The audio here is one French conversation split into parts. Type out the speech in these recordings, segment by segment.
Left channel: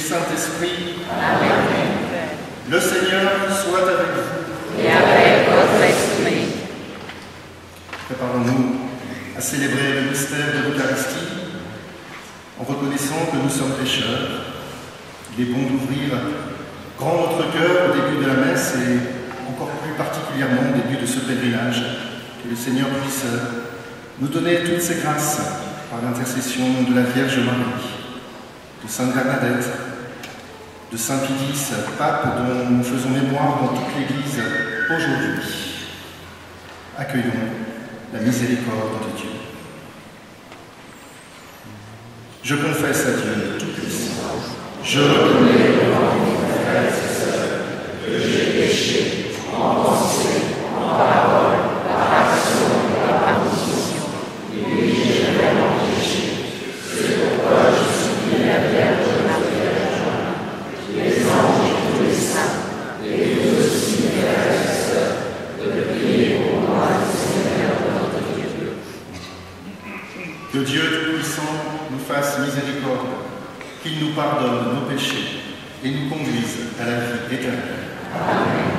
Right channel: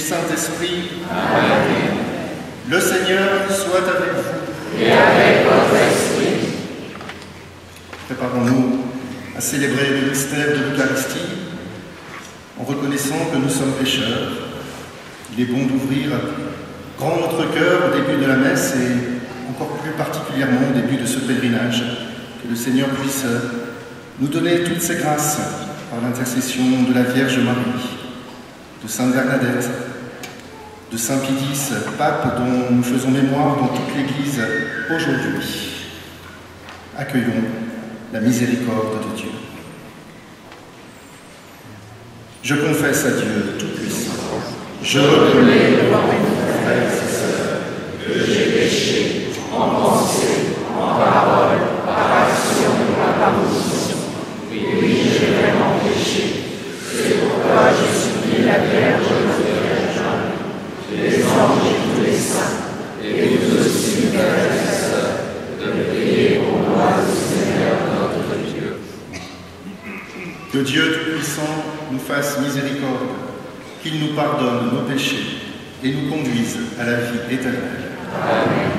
Saint-Esprit. Amen. Le Seigneur soit avec vous. Et avec votre esprit. Préparons-nous à célébrer le mystère de l'Eucharistie en reconnaissant que nous sommes pécheurs. Il est bon d'ouvrir grand notre cœur au début de la messe et encore plus particulièrement au début de ce pèlerinage. Que le Seigneur puisse nous donner toutes ses grâces par l'intercession de la Vierge Marie, de Sainte Bernadette, de Saint Pie-X, pape dont nous faisons mémoire dans toute l'Église aujourd'hui. Accueillons la miséricorde de Dieu. Je confesse à Dieu Tout-Puissant, je reconnais devant mes frères et sœurs que j'ai péché en pensée, en parole, par action et par omission. Oui, j'ai vraiment péché. C'est pourquoi je supplie la Vierge Marie, les anges et tous les saints, et vous aussi, mes frères et sœurs, de prier pour moi, le Seigneur notre Dieu. Que Dieu Tout-Puissant nous fasse miséricorde, qu'il nous pardonne nos péchés et nous conduise à la vie éternelle. Amen.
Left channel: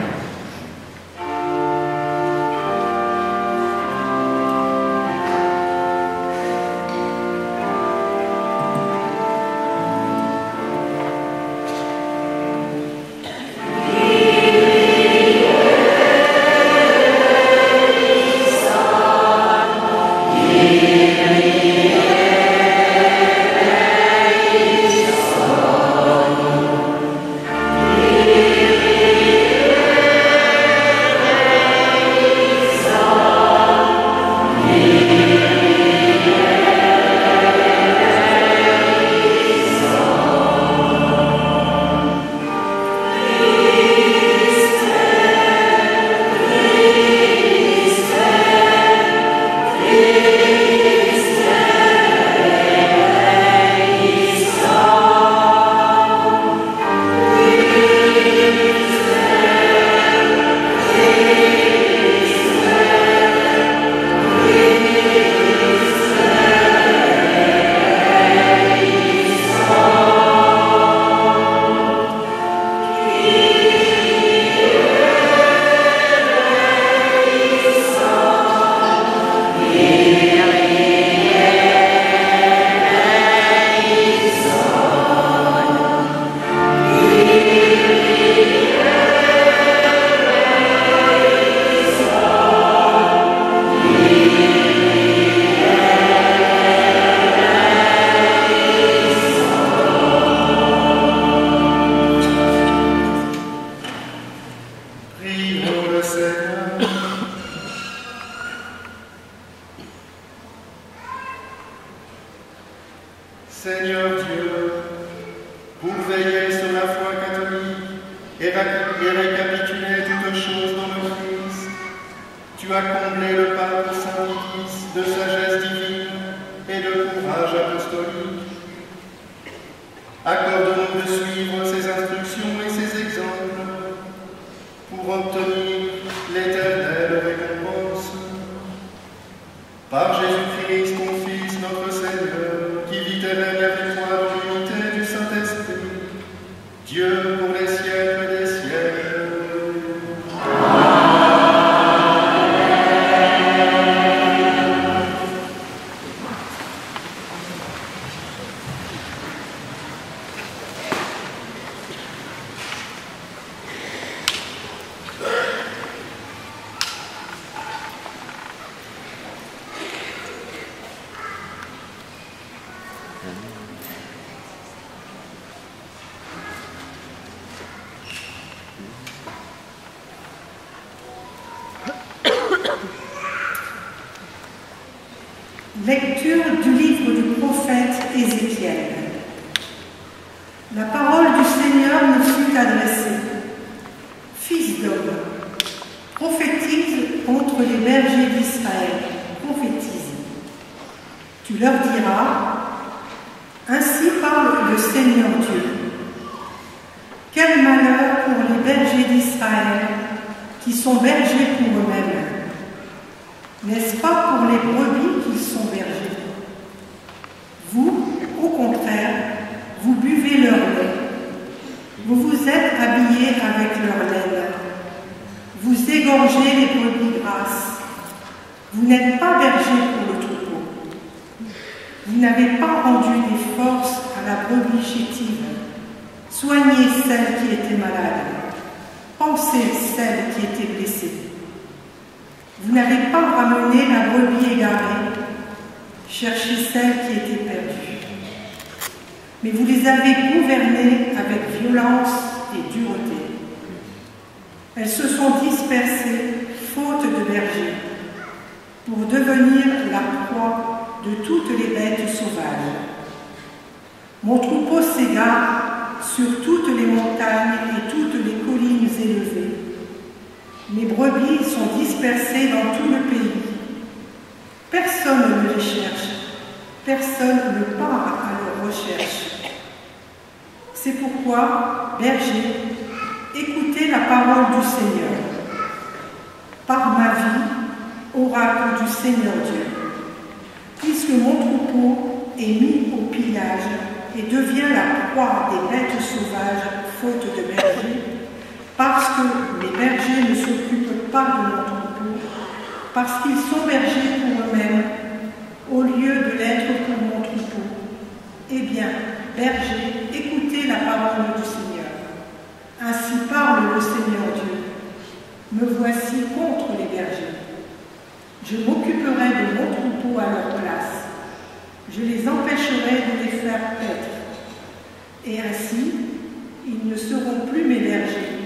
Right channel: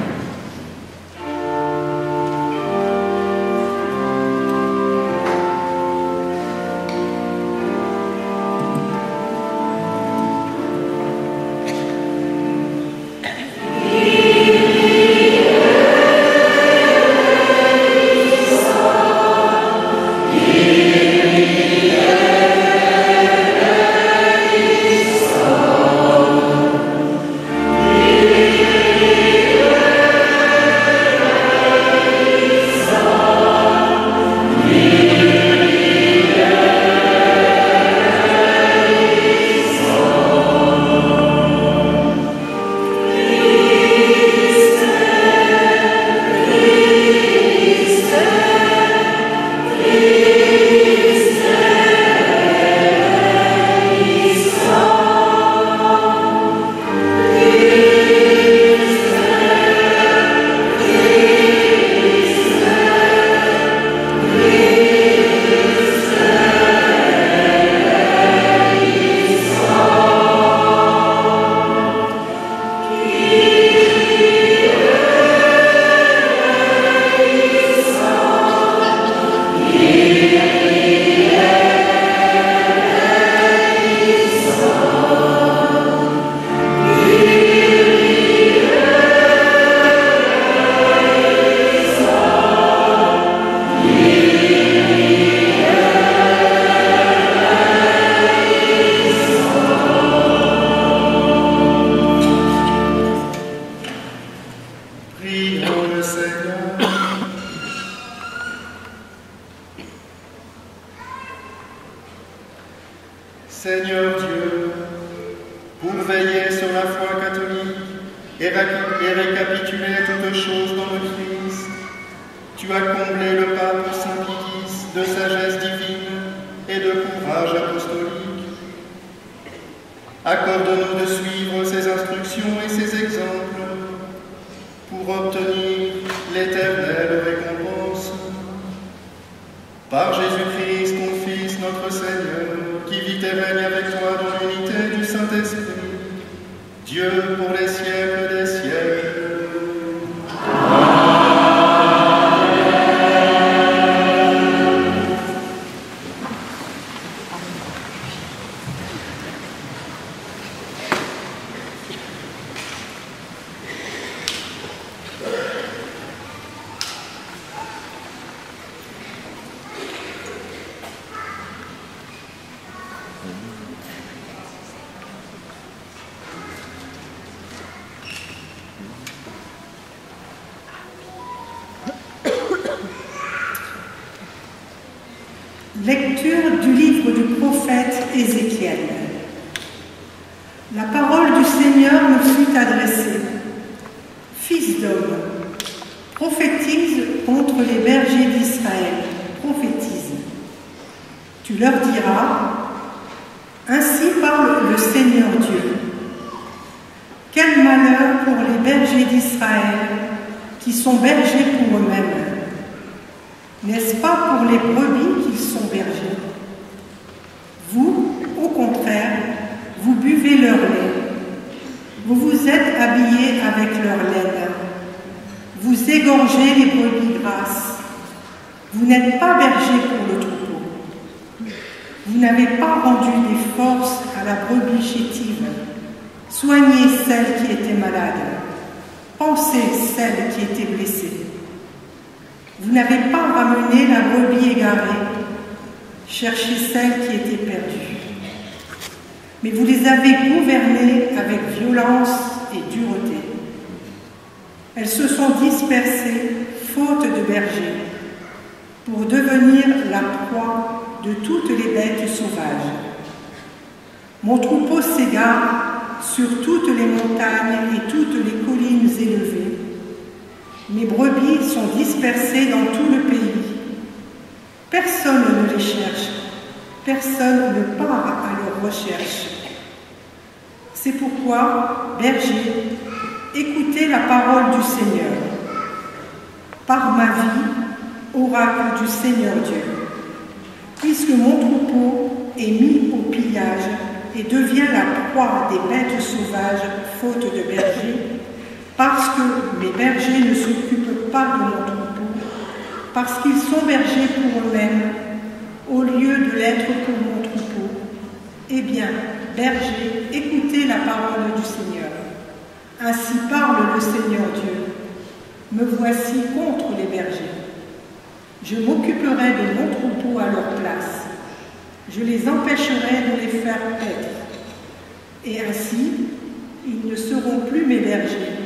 Seigneur Dieu, pour veiller sur la foi catholique et récapituler toutes choses dans le Christ, tu as comblé le pape Saint Pie-X de sagesse divine et de courage apostolique. Accorde-nous de suivre ses instructions et ses exemples pour obtenir l'éternelle récompense. Par Jésus-Christ, ton Fils, notre Seigneur, qui vit et règne avec toi dans l'unité du Saint-Esprit, Dieu pour les siècles des siècles. Lecture du livre du prophète Ézéchiel. La parole du Seigneur me fut adressée. Fils d'homme, prophétise contre les bergers d'Israël, prophétise. Tu leur diras, ainsi parle le Seigneur Dieu. Quel malheur pour les bergers d'Israël qui sont bergers pour eux-mêmes. N'est-ce pas pour les brebis qu'ils sont bergers? Vous, au contraire, vous buvez leur lait Vous vous êtes habillés avec leur laine. Vous égorgez les brebis grasses. Vous n'êtes pas berger pour le troupeau. Vous n'avez pas rendu des forces à la brebis chétive. Soignez celle qui était malade. Pensez celle qui était blessée. Vous n'avez pas ramené la brebis égarée. Cherchez celle qui était perdue. Mais vous les avez gouvernées avec violence et dureté. Elles se sont dispersées, faute de berger, pour devenir la proie de toutes les bêtes sauvages. Mon troupeau s'égare sur toutes les montagnes et toutes les collines élevées. Mes brebis sont dispersées dans tout le pays. Personne ne les cherche, personne ne part à leur recherche. C'est pourquoi, berger, écoutez la parole du Seigneur. Par ma vie, oracle du Seigneur Dieu, puisque mon troupeau est mis au pillage et devient la proie des bêtes sauvages, faute de berger, parce que mes bergers ne s'occupent pas de mon troupeau, parce qu'ils sont bergers pour eux-mêmes, au lieu de l'être pour mon troupeau. Eh bien, bergers, écoutez la parole du Seigneur. Ainsi parle le Seigneur Dieu. Me voici contre les bergers. Je m'occuperai de mon troupeau à leur place. Je les empêcherai de les faire paître. Et ainsi, ils ne seront plus mes bergers.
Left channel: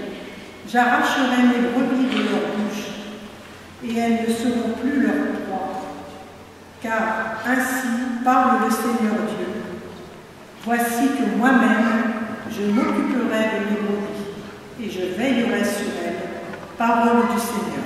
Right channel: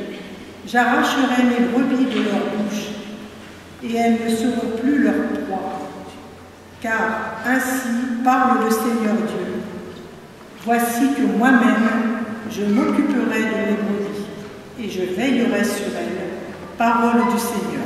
J'arracherai mes brebis de leur bouche, et elles ne seront plus leur proie. Car ainsi parle le Seigneur Dieu. Voici que moi-même, je m'occuperai de mes brebis, et je veillerai sur elles. Parole du Seigneur.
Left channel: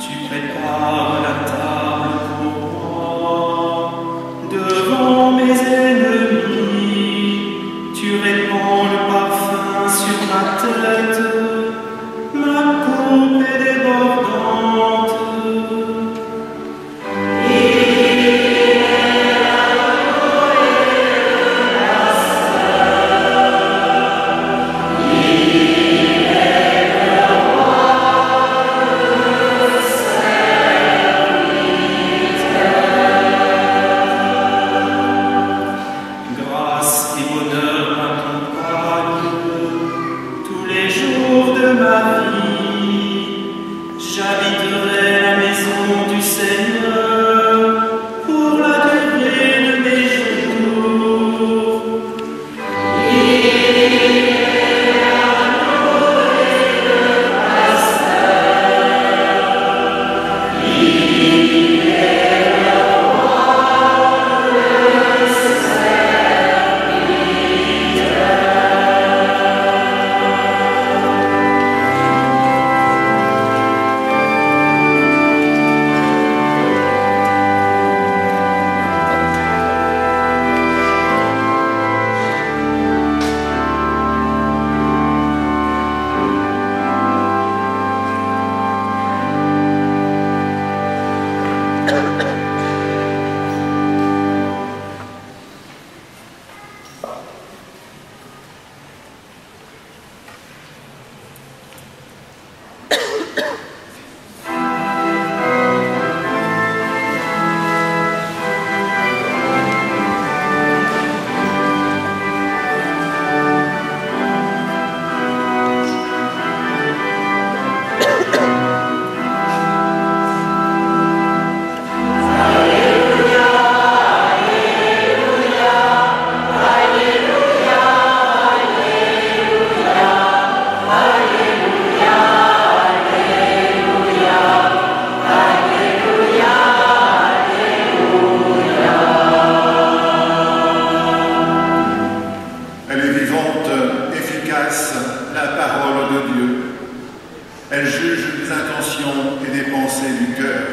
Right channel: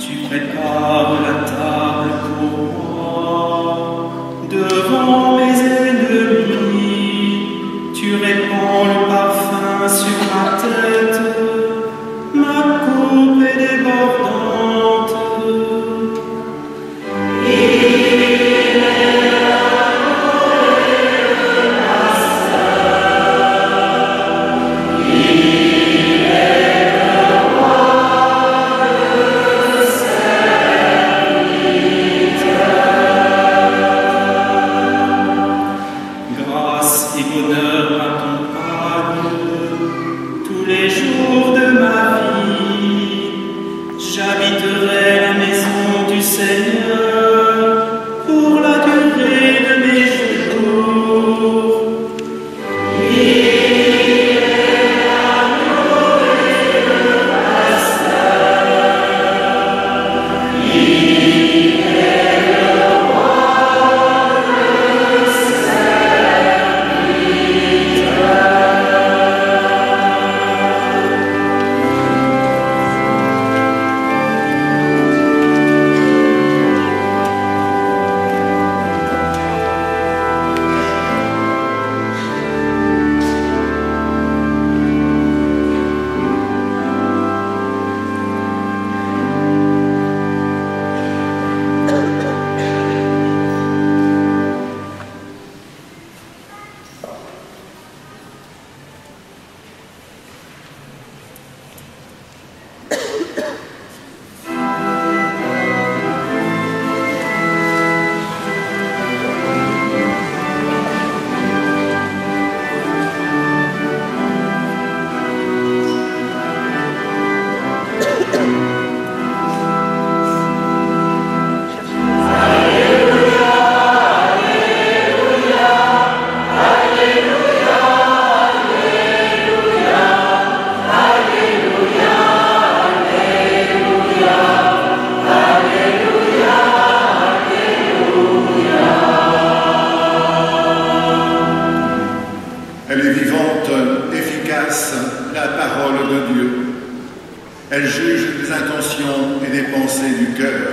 Tu J'habiterai la maison du Seigneur pour la durée de mes jours. Elle est vivante, efficace, la parole de Dieu. Elle juge les intentions et les pensées du cœur.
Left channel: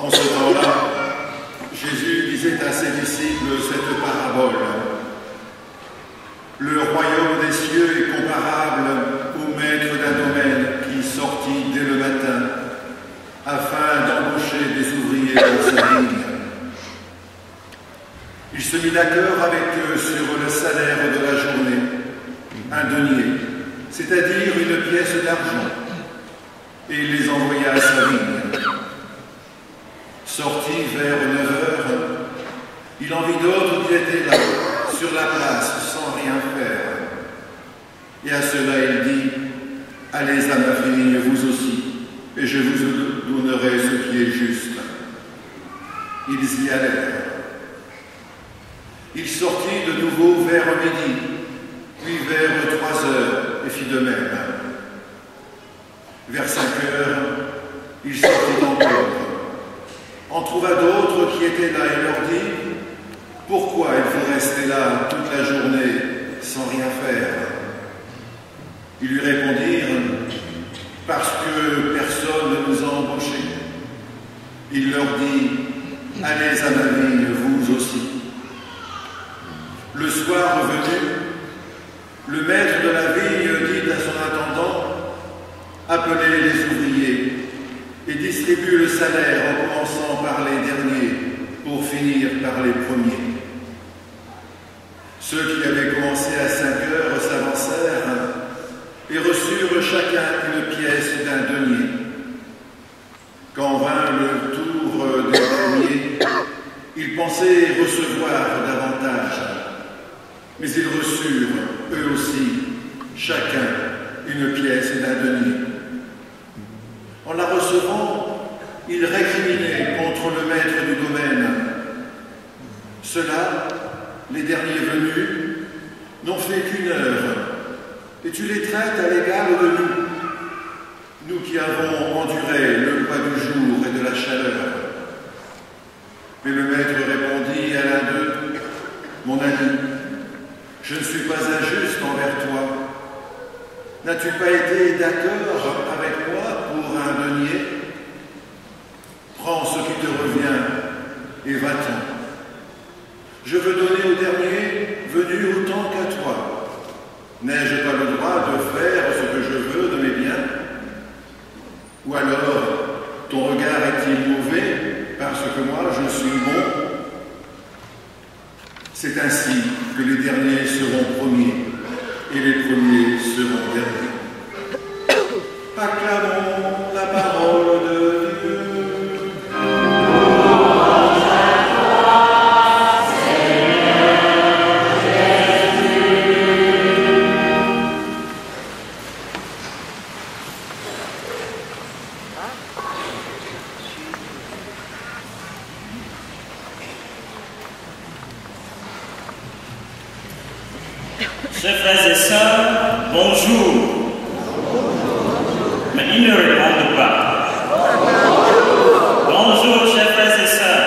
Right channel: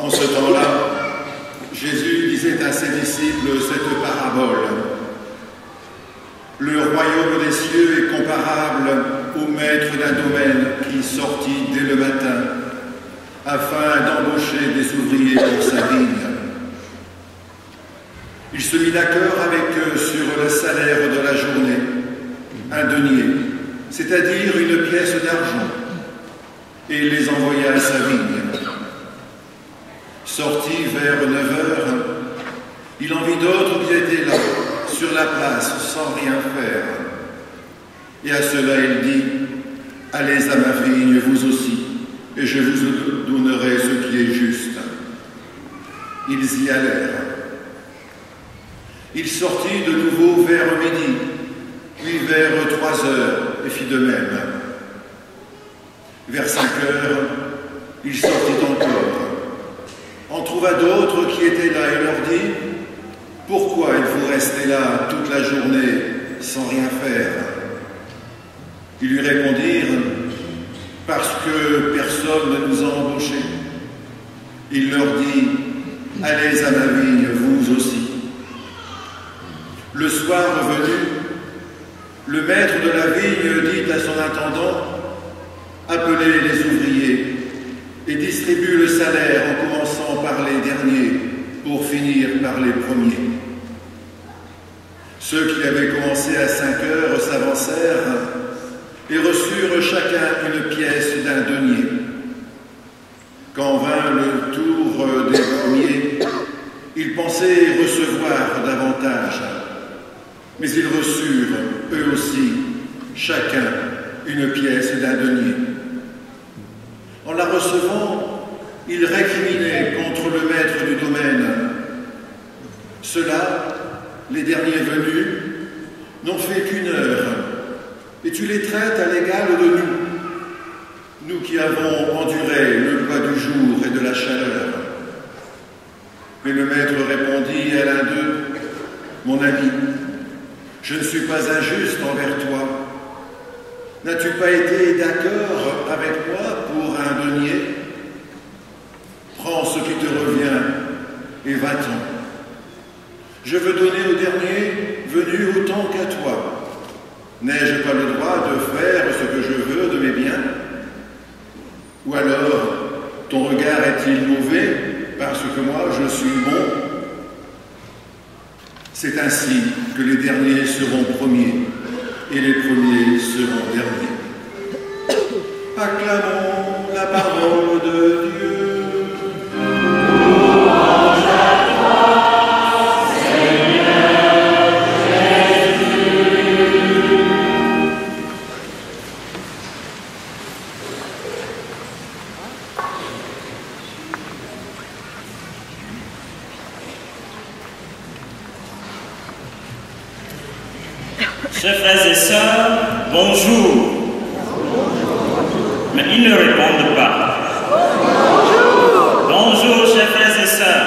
En ce temps-là, Jésus disait à ses disciples cette parabole. Le royaume des cieux est comparable au maître d'un domaine qui sortit dès le matin afin d'embaucher des ouvriers pour sa vigne. Il se mit d'accord avec eux sur le salaire de la journée, un denier, c'est-à-dire une pièce d'argent, et les envoya à sa vigne. Sorti vers 9 heures, il en vit d'autres qui étaient là, sur la place, sans rien faire. Et à cela il dit, « Allez à ma vigne, vous aussi, et je vous donnerai ce qui est juste. » Ils y allèrent. Il sortit de nouveau vers midi, puis vers 3 heures, et fit de même. Vers 5 heures, il sortit encore. En trouva d'autres qui étaient là et leur dit « Pourquoi êtes-vous restés là toute la journée sans rien faire ?» Ils lui répondirent « Parce que personne ne nous a embauchés. » Il leur dit « Allez à ma vigne, vous aussi. » Le soir revenu, le maître de la vigne dit à son intendant « Appelez les ouvriers et distribue le salaire en commençant par les derniers pour finir par les premiers. » Ceux qui avaient commencé à 5 heures s'avancèrent et reçurent chacun une pièce d'un denier. Quand vint le tour des premiers, ils pensaient recevoir davantage, mais ils reçurent, eux aussi, chacun une pièce d'un denier. En la recevant, ils récriminaient contre le maître du domaine. Ceux-là, les derniers venus, n'ont fait qu'1 heure, et tu les traites à l'égal de nous qui avons enduré le poids du jour et de la chaleur. Mais le maître répondit à l'un d'eux, « Mon ami, je ne suis pas injuste envers toi. N'as-tu pas été d'accord avec moi pour un denier? Prends ce qui te revient et va-t'en. Je veux donner au dernier venu autant qu'à toi. N'ai-je pas le droit de faire ce que je veux de mes biens? Ou alors, ton regard est-il mauvais parce que moi je suis bon? C'est ainsi que les derniers seront premiers et les premiers seront derniers. Acclamons la parole de Dieu. Chers frères et sœurs, bonjour. Mais ils ne répondent pas. Bonjour, chers frères et sœurs.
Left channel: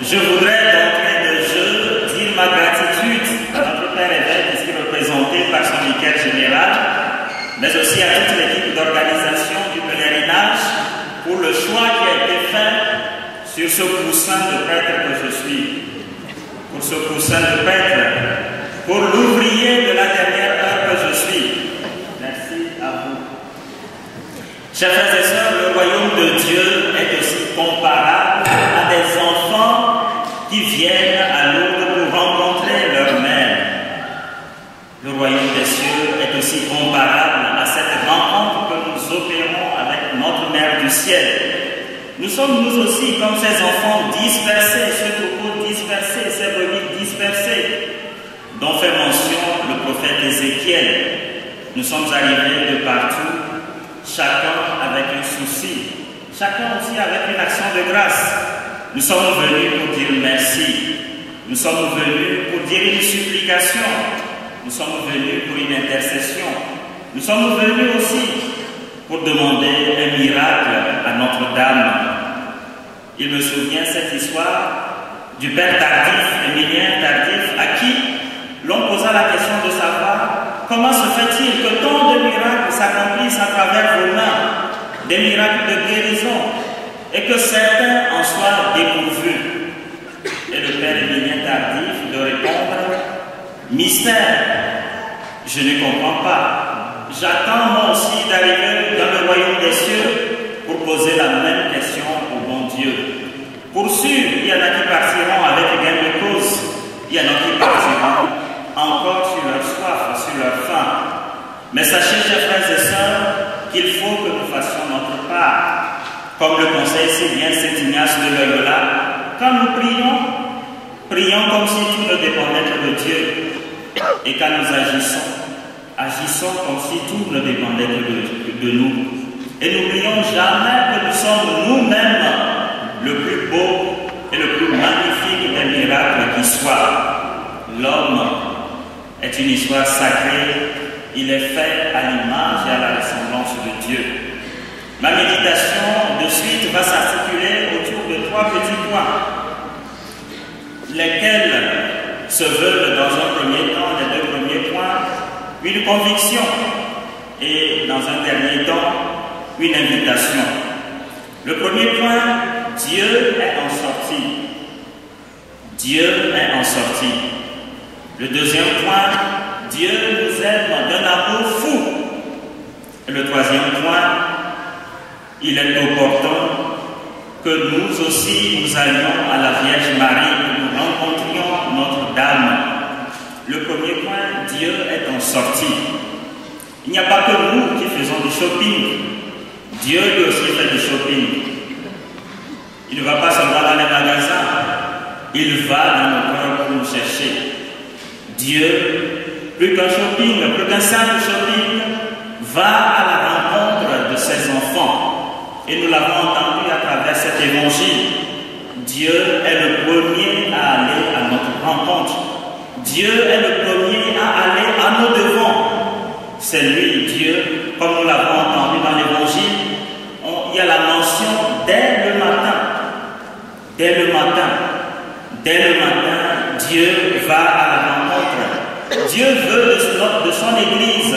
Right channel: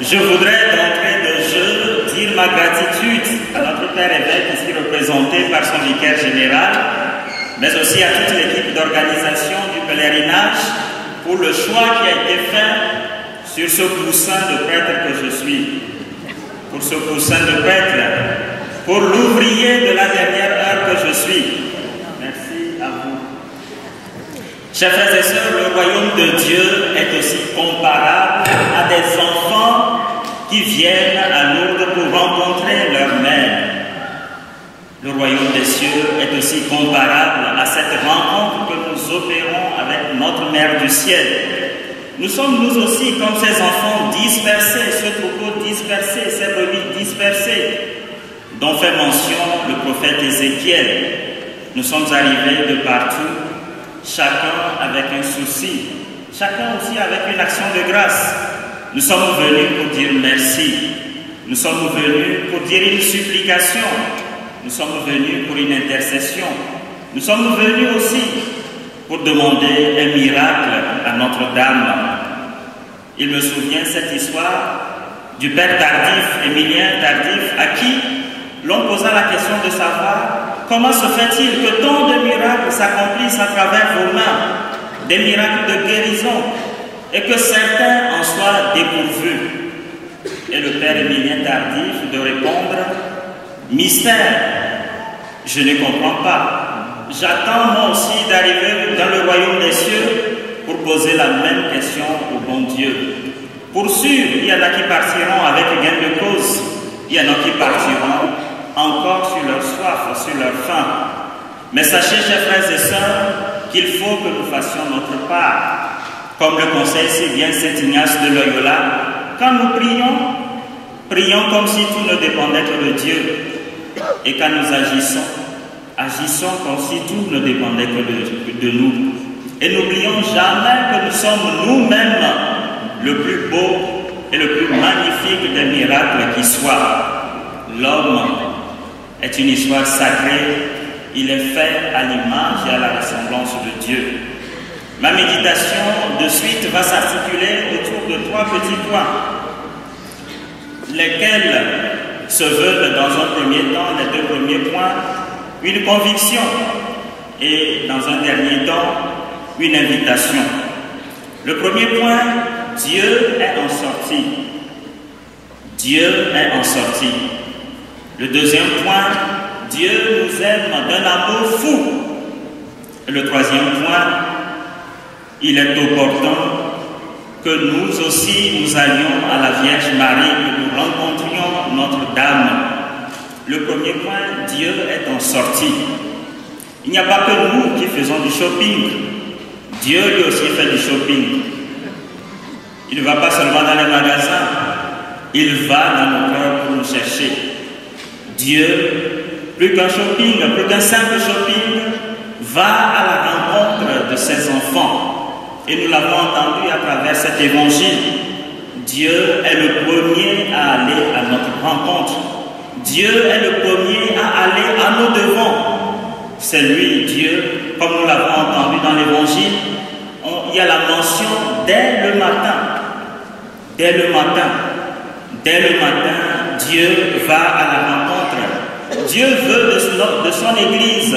Je voudrais d'entrée de jeu dire ma gratitude à notre Père évêque ici représenté par son vicaire général, mais aussi à toute l'équipe d'organisation du pèlerinage pour le choix qui a été fait sur ce coussin de prêtre que je suis. Pour ce coussin de prêtre, pour l'ouvrier de la dernière heure que je suis. Merci à vous. Chers frères et sœurs, le royaume de Dieu est aussi comparable à des enfants qui viennent à Lourdes pour rencontrer leur mère. Le royaume des cieux est aussi comparable à cette rencontre que nous opérons avec notre mère du ciel. Nous sommes nous aussi comme ces enfants dispersés, ce troupeau dispersé, ces brebis dispersées, dont fait mention le prophète Ézéchiel. Nous sommes arrivés de partout, chacun avec un souci, chacun aussi avec une action de grâce. Nous sommes venus pour dire merci, nous sommes venus pour dire une supplication, nous sommes venus pour une intercession, nous sommes venus aussi pour demander un miracle à Notre-Dame. Il me souvient cette histoire du père Tardif, Émilien Tardif, à qui l'on posa la question de savoir comment se fait-il que tant de miracles s'accomplissent à travers vos mains, des miracles de guérison, et que certains en soient dépourvus. Et le père Émilien Tardif de répondre, « Mystère, je ne comprends pas. J'attends moi aussi d'arriver dans le royaume des cieux pour poser la même question au bon Dieu. Pour sûr, il y en a qui partiront avec gain de cause, il y en a qui partiront encore sur leur soif, sur leur faim. Mais sachez, chers frères et sœurs, qu'il faut que nous fassions notre part. Comme le conseille si bien Saint Ignace de Loyola, quand nous prions, prions comme si tout ne dépendait que de Dieu. Et quand nous agissons, agissons comme si tout ne dépendait que de nous. Et n'oublions jamais que nous sommes nous-mêmes le plus beau et le plus magnifique des miracles qui soient. L'homme est une histoire sacrée, il est fait à l'image et à la ressemblance de Dieu. Ma méditation de suite va s'articuler autour de 3 petits points, lesquels se veulent dans un premier temps, les 2 premiers points, une conviction et dans un dernier temps, une invitation. Le premier point, Dieu est en sortie. Dieu est en sortie. Le deuxième point, Dieu nous aime d'un amour fou. Et le troisième point, il est opportun que nous aussi nous allions à la Vierge Marie, que nous rencontrions Notre-Dame. Le premier point, Dieu est en sortie. Il n'y a pas que nous qui faisons du shopping. Dieu lui aussi fait du shopping. Il ne va pas seulement dans les magasins, il va dans nos cœurs pour nous chercher. Dieu, plus qu'un shopping, plus qu'un simple shopping, va à la rencontre de ses enfants. Et nous l'avons entendu à travers cet évangile. Dieu est le premier à aller à notre rencontre. Dieu est le premier à aller à nos devants. C'est lui, Dieu, comme nous l'avons entendu dans l'évangile. Il il y a la mention dès le matin. Dès le matin. Dès le matin, Dieu va à la rencontre. Dieu veut de son Église,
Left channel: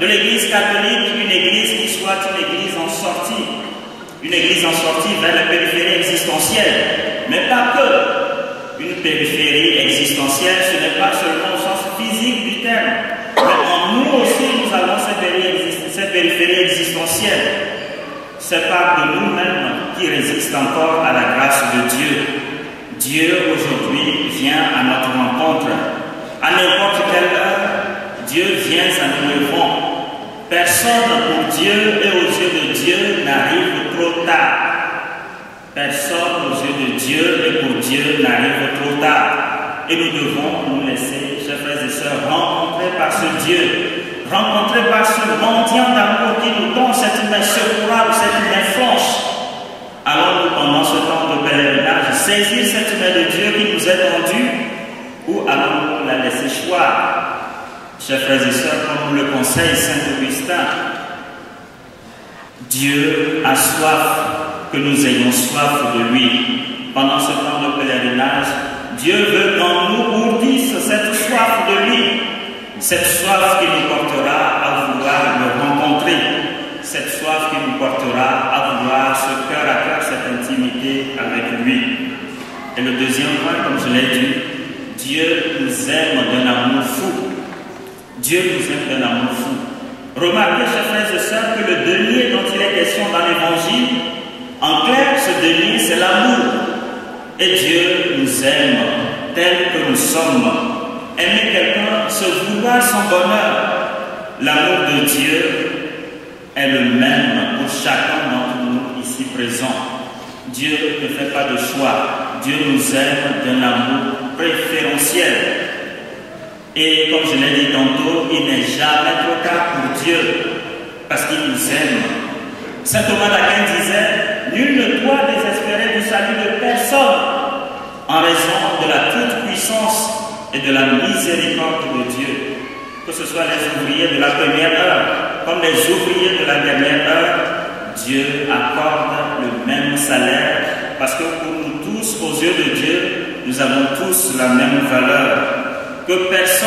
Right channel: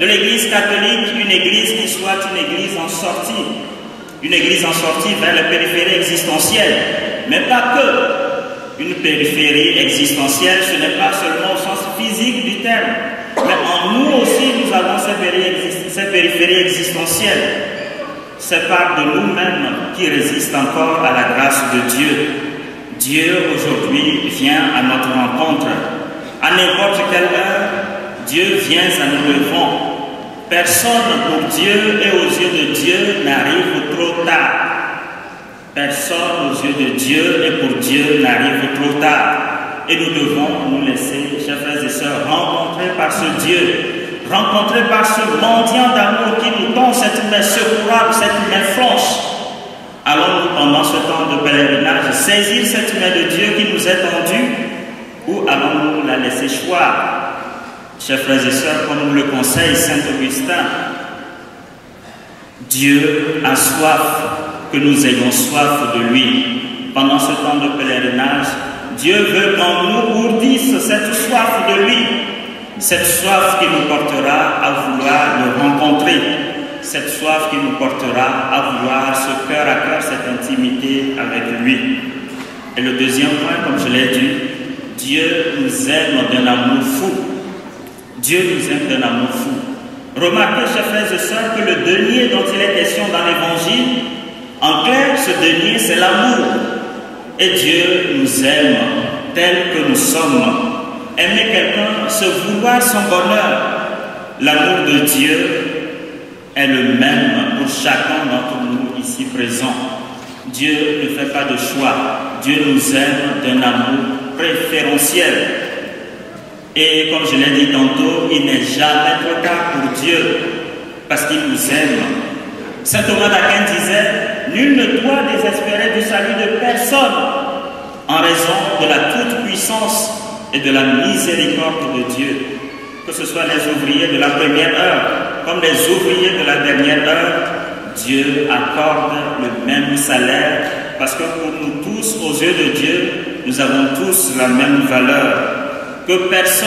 de l'Église catholique, une Église qui soit une Église en sortie. Une Église en sortie vers la périphérie existentielle. Mais pas que. Une périphérie existentielle, ce n'est pas seulement au sens physique du terme. Mais en nous aussi, nous avons cette périphérie existentielle. C'est part de nous-mêmes qui résiste encore à la grâce de Dieu. Dieu aujourd'hui vient à notre rencontre. À n'importe quelle heure, Dieu vient à nous levons. Personne pour Dieu et aux yeux de Dieu n'arrive trop tard. Personne aux yeux de Dieu et pour Dieu n'arrive trop tard. Et nous devons nous laisser, chers frères et sœurs, rencontrer par ce Dieu, rencontrer par ce mendiant d'amour qui nous tend cette main secourable, cette main franche. Allons-nous pendant ce temps de pèlerinage saisir cette main de Dieu qui nous est tendue ou allons-nous la laisser choir? Chers frères et sœurs, comme nous le conseille Saint Augustin, Dieu a soif que nous ayons soif de lui. Pendant ce temps de pèlerinage, Dieu veut qu'en nous ourdisse cette soif de lui, cette soif qui nous portera à vouloir le rencontrer, cette soif qui nous portera à vouloir ce cœur à cœur, cette intimité avec lui. Et le deuxième point, comme je l'ai dit, Dieu nous aime d'un amour fou. Dieu nous aime d'un amour fou. Remarquez, chers frères et sœurs, que le denier dont il est question dans l'Évangile, en clair, ce denier, c'est l'amour. Et Dieu nous aime tel que nous sommes. Aimer quelqu'un, se vouloir son bonheur. L'amour de Dieu est le même pour chacun d'entre nous ici présents. Dieu ne fait pas de choix. Dieu nous aime d'un amour préférentiel. Et comme je l'ai dit tantôt, il n'est jamais trop tard pour Dieu, parce qu'il nous aime. Saint Thomas d'Aquin disait, nul ne doit désespérer du salut de personne, en raison de la toute-puissance et de la miséricorde de Dieu. Que ce soit les ouvriers de la première heure, comme les ouvriers de la dernière heure, Dieu accorde le même salaire, parce que pour nous tous, aux yeux de Dieu, nous avons tous la même valeur. Que personne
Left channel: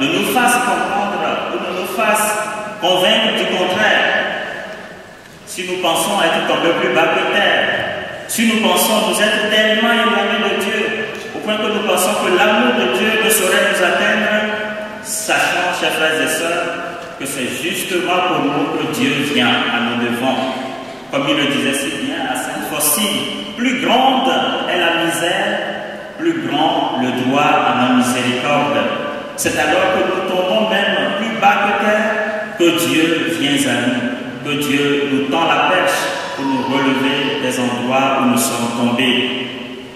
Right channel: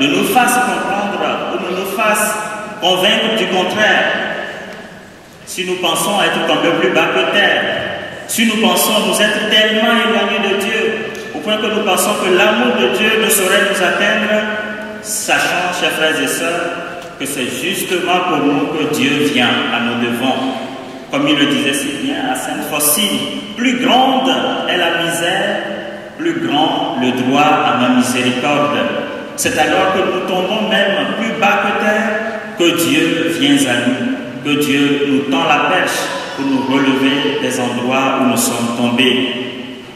ne nous fasse comprendre ou ne nous fasse convaincre du contraire. Si nous pensons être un peu plus bas que terre, si nous pensons nous être tellement éloignés de Dieu, au point que nous pensons que l'amour de Dieu ne saurait nous atteindre, sachant, chers frères et sœurs, que c'est justement pour nous que Dieu vient à nos devants. Comme il le disait si bien à Sainte Faustine, plus grande est la misère, plus grand le droit à ma miséricorde. C'est alors que nous tombons même plus bas que terre que Dieu vient à nous, que Dieu nous tend la perche pour nous relever des endroits où nous sommes tombés.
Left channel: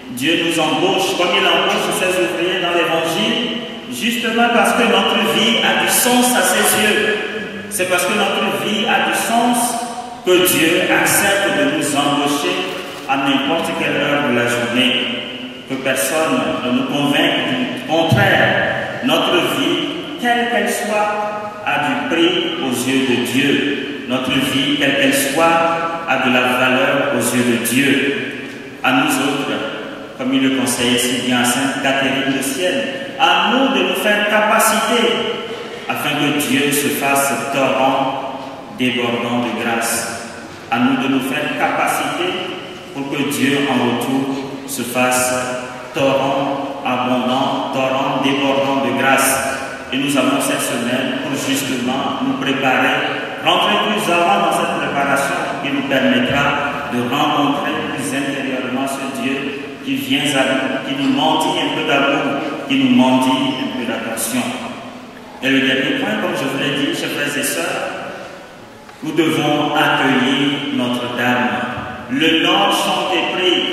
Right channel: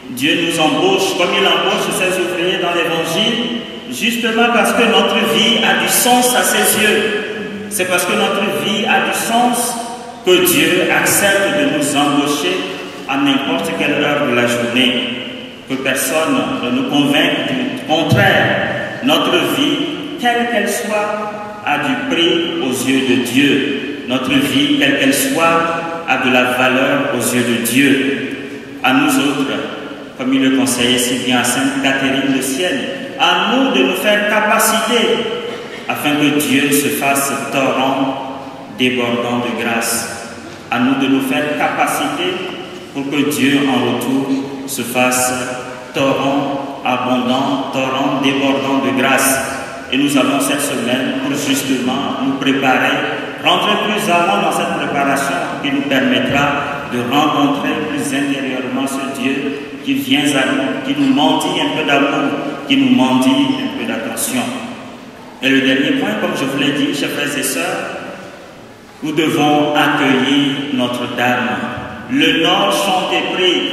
Dieu nous embauche comme il embauche ses ouvriers dans l'Évangile, justement parce que notre vie a du sens à ses yeux. C'est parce que notre vie a du sens que Dieu accepte de nous embaucher à n'importe quelle heure de la journée. Que personne ne nous convainque du contraire. Notre vie, quelle qu'elle soit, a du prix aux yeux de Dieu. Notre vie, quelle qu'elle soit, a de la valeur aux yeux de Dieu. À nous autres, comme il le conseillait si bien à Sainte Catherine de Sienne, à nous de nous faire capacité afin que Dieu se fasse torrent débordant de grâce. À nous de nous faire capacité pour que Dieu en retour se fasse torrent abondant, torrent débordant de grâce. Et nous avons cette semaine pour justement nous préparer, rentrer plus avant dans cette préparation qui nous permettra de rencontrer plus intérieurement ce Dieu qui vient à nous, qui nous mendie un peu d'amour, qui nous mendie un peu d'attention. Et le dernier point, comme je vous l'ai dit, chers frères et sœurs, nous devons accueillir Notre-Dame. Le Nord chante et prie.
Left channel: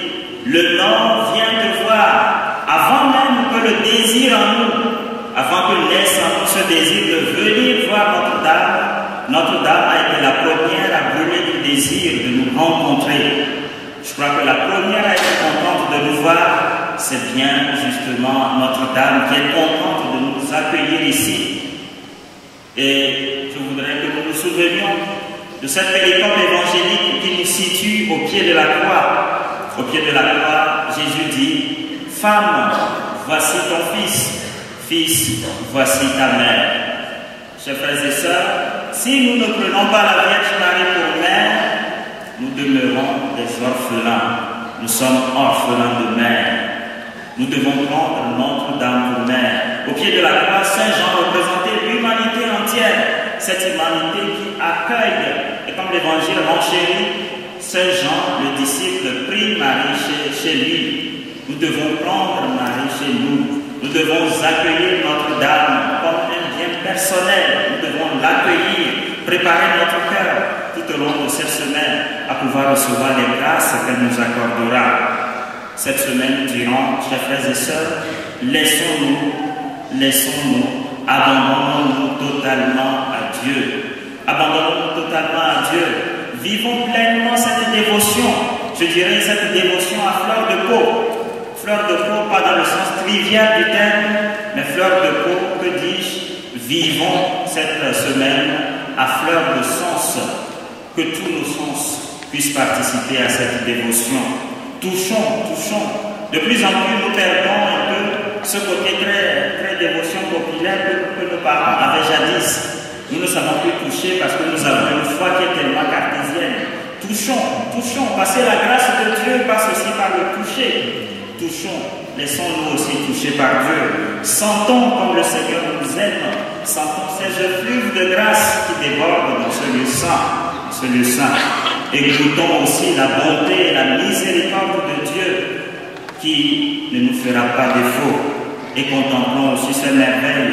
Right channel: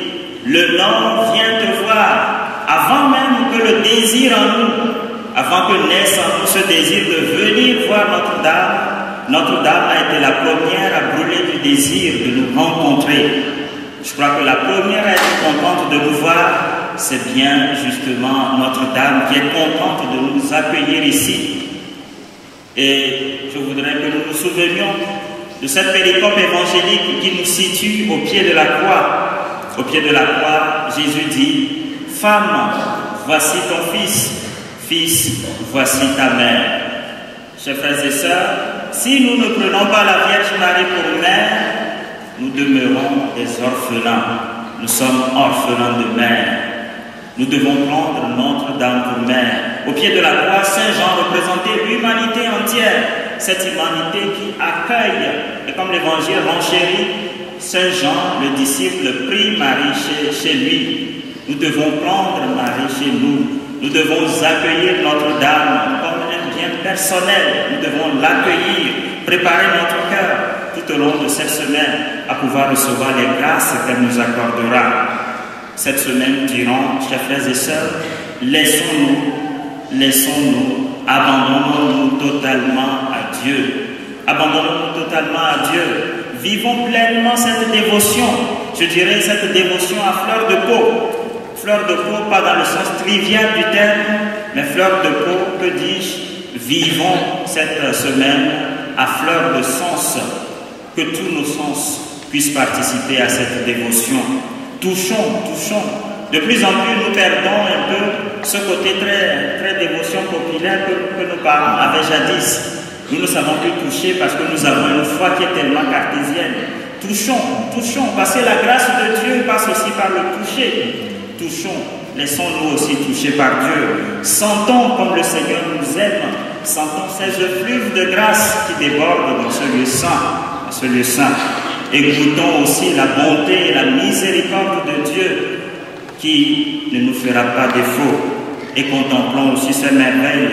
Le Nord vient te voir, avant même que le désir en nous, avant que naisse en nous ce désir de venir voir Notre-Dame. Notre-Dame a été la première à brûler du désir de nous rencontrer. Je crois que la première à être contente de nous voir, c'est bien justement Notre-Dame qui est contente de nous accueillir ici. Et je voudrais que nous nous souvenions de cette péricope évangélique qui nous situe au pied de la croix. Au pied de la croix, Jésus dit, « Femme, voici ton fils. Fils, voici ta mère. » Chers frères et sœurs, si nous ne prenons pas la Vierge Marie pour mère, nous demeurons des orphelins. Nous sommes orphelins de mère. Nous devons prendre Notre-Dame pour mère. Au pied de la croix, Saint Jean représentait l'humanité entière. Cette humanité qui accueille, et comme l'Évangile renchérit, Saint Jean, le disciple, prie Marie chez lui. Nous devons prendre Marie chez nous. Nous devons accueillir Notre-Dame comme un bien personnel. Nous devons l'accueillir, préparer notre cœur tout au long de cette semaine à pouvoir recevoir les grâces qu'elle nous accordera. Cette semaine durant, chers frères et sœurs, laissons-nous, abandonnons-nous totalement à Dieu. Abandonnons-nous totalement à Dieu. Vivons pleinement cette dévotion. Je dirais cette dévotion à fleur de peau. Fleur de peau, pas dans le sens trivial du terme, mais fleur de peau, que dis-je? Vivons cette semaine à fleur de sens. Que tous nos sens puissent participer à cette dévotion. Touchons. De plus en plus, nous perdons un peu ce côté très dévotion populaire que nos parents avaient jadis. Nous ne savons plus toucher parce que nous avons une foi qui est tellement cartésienne. Touchons, parce que la grâce de Dieu passe aussi par le toucher. Touchons, laissons-nous aussi toucher par Dieu. Sentons comme le Seigneur nous aime. Sentons ces effluves de grâce qui débordent dans ce lieu saint. Et goûtons aussi la bonté et la miséricorde de Dieu qui ne nous fera pas défaut. Et contemplons aussi ces merveilles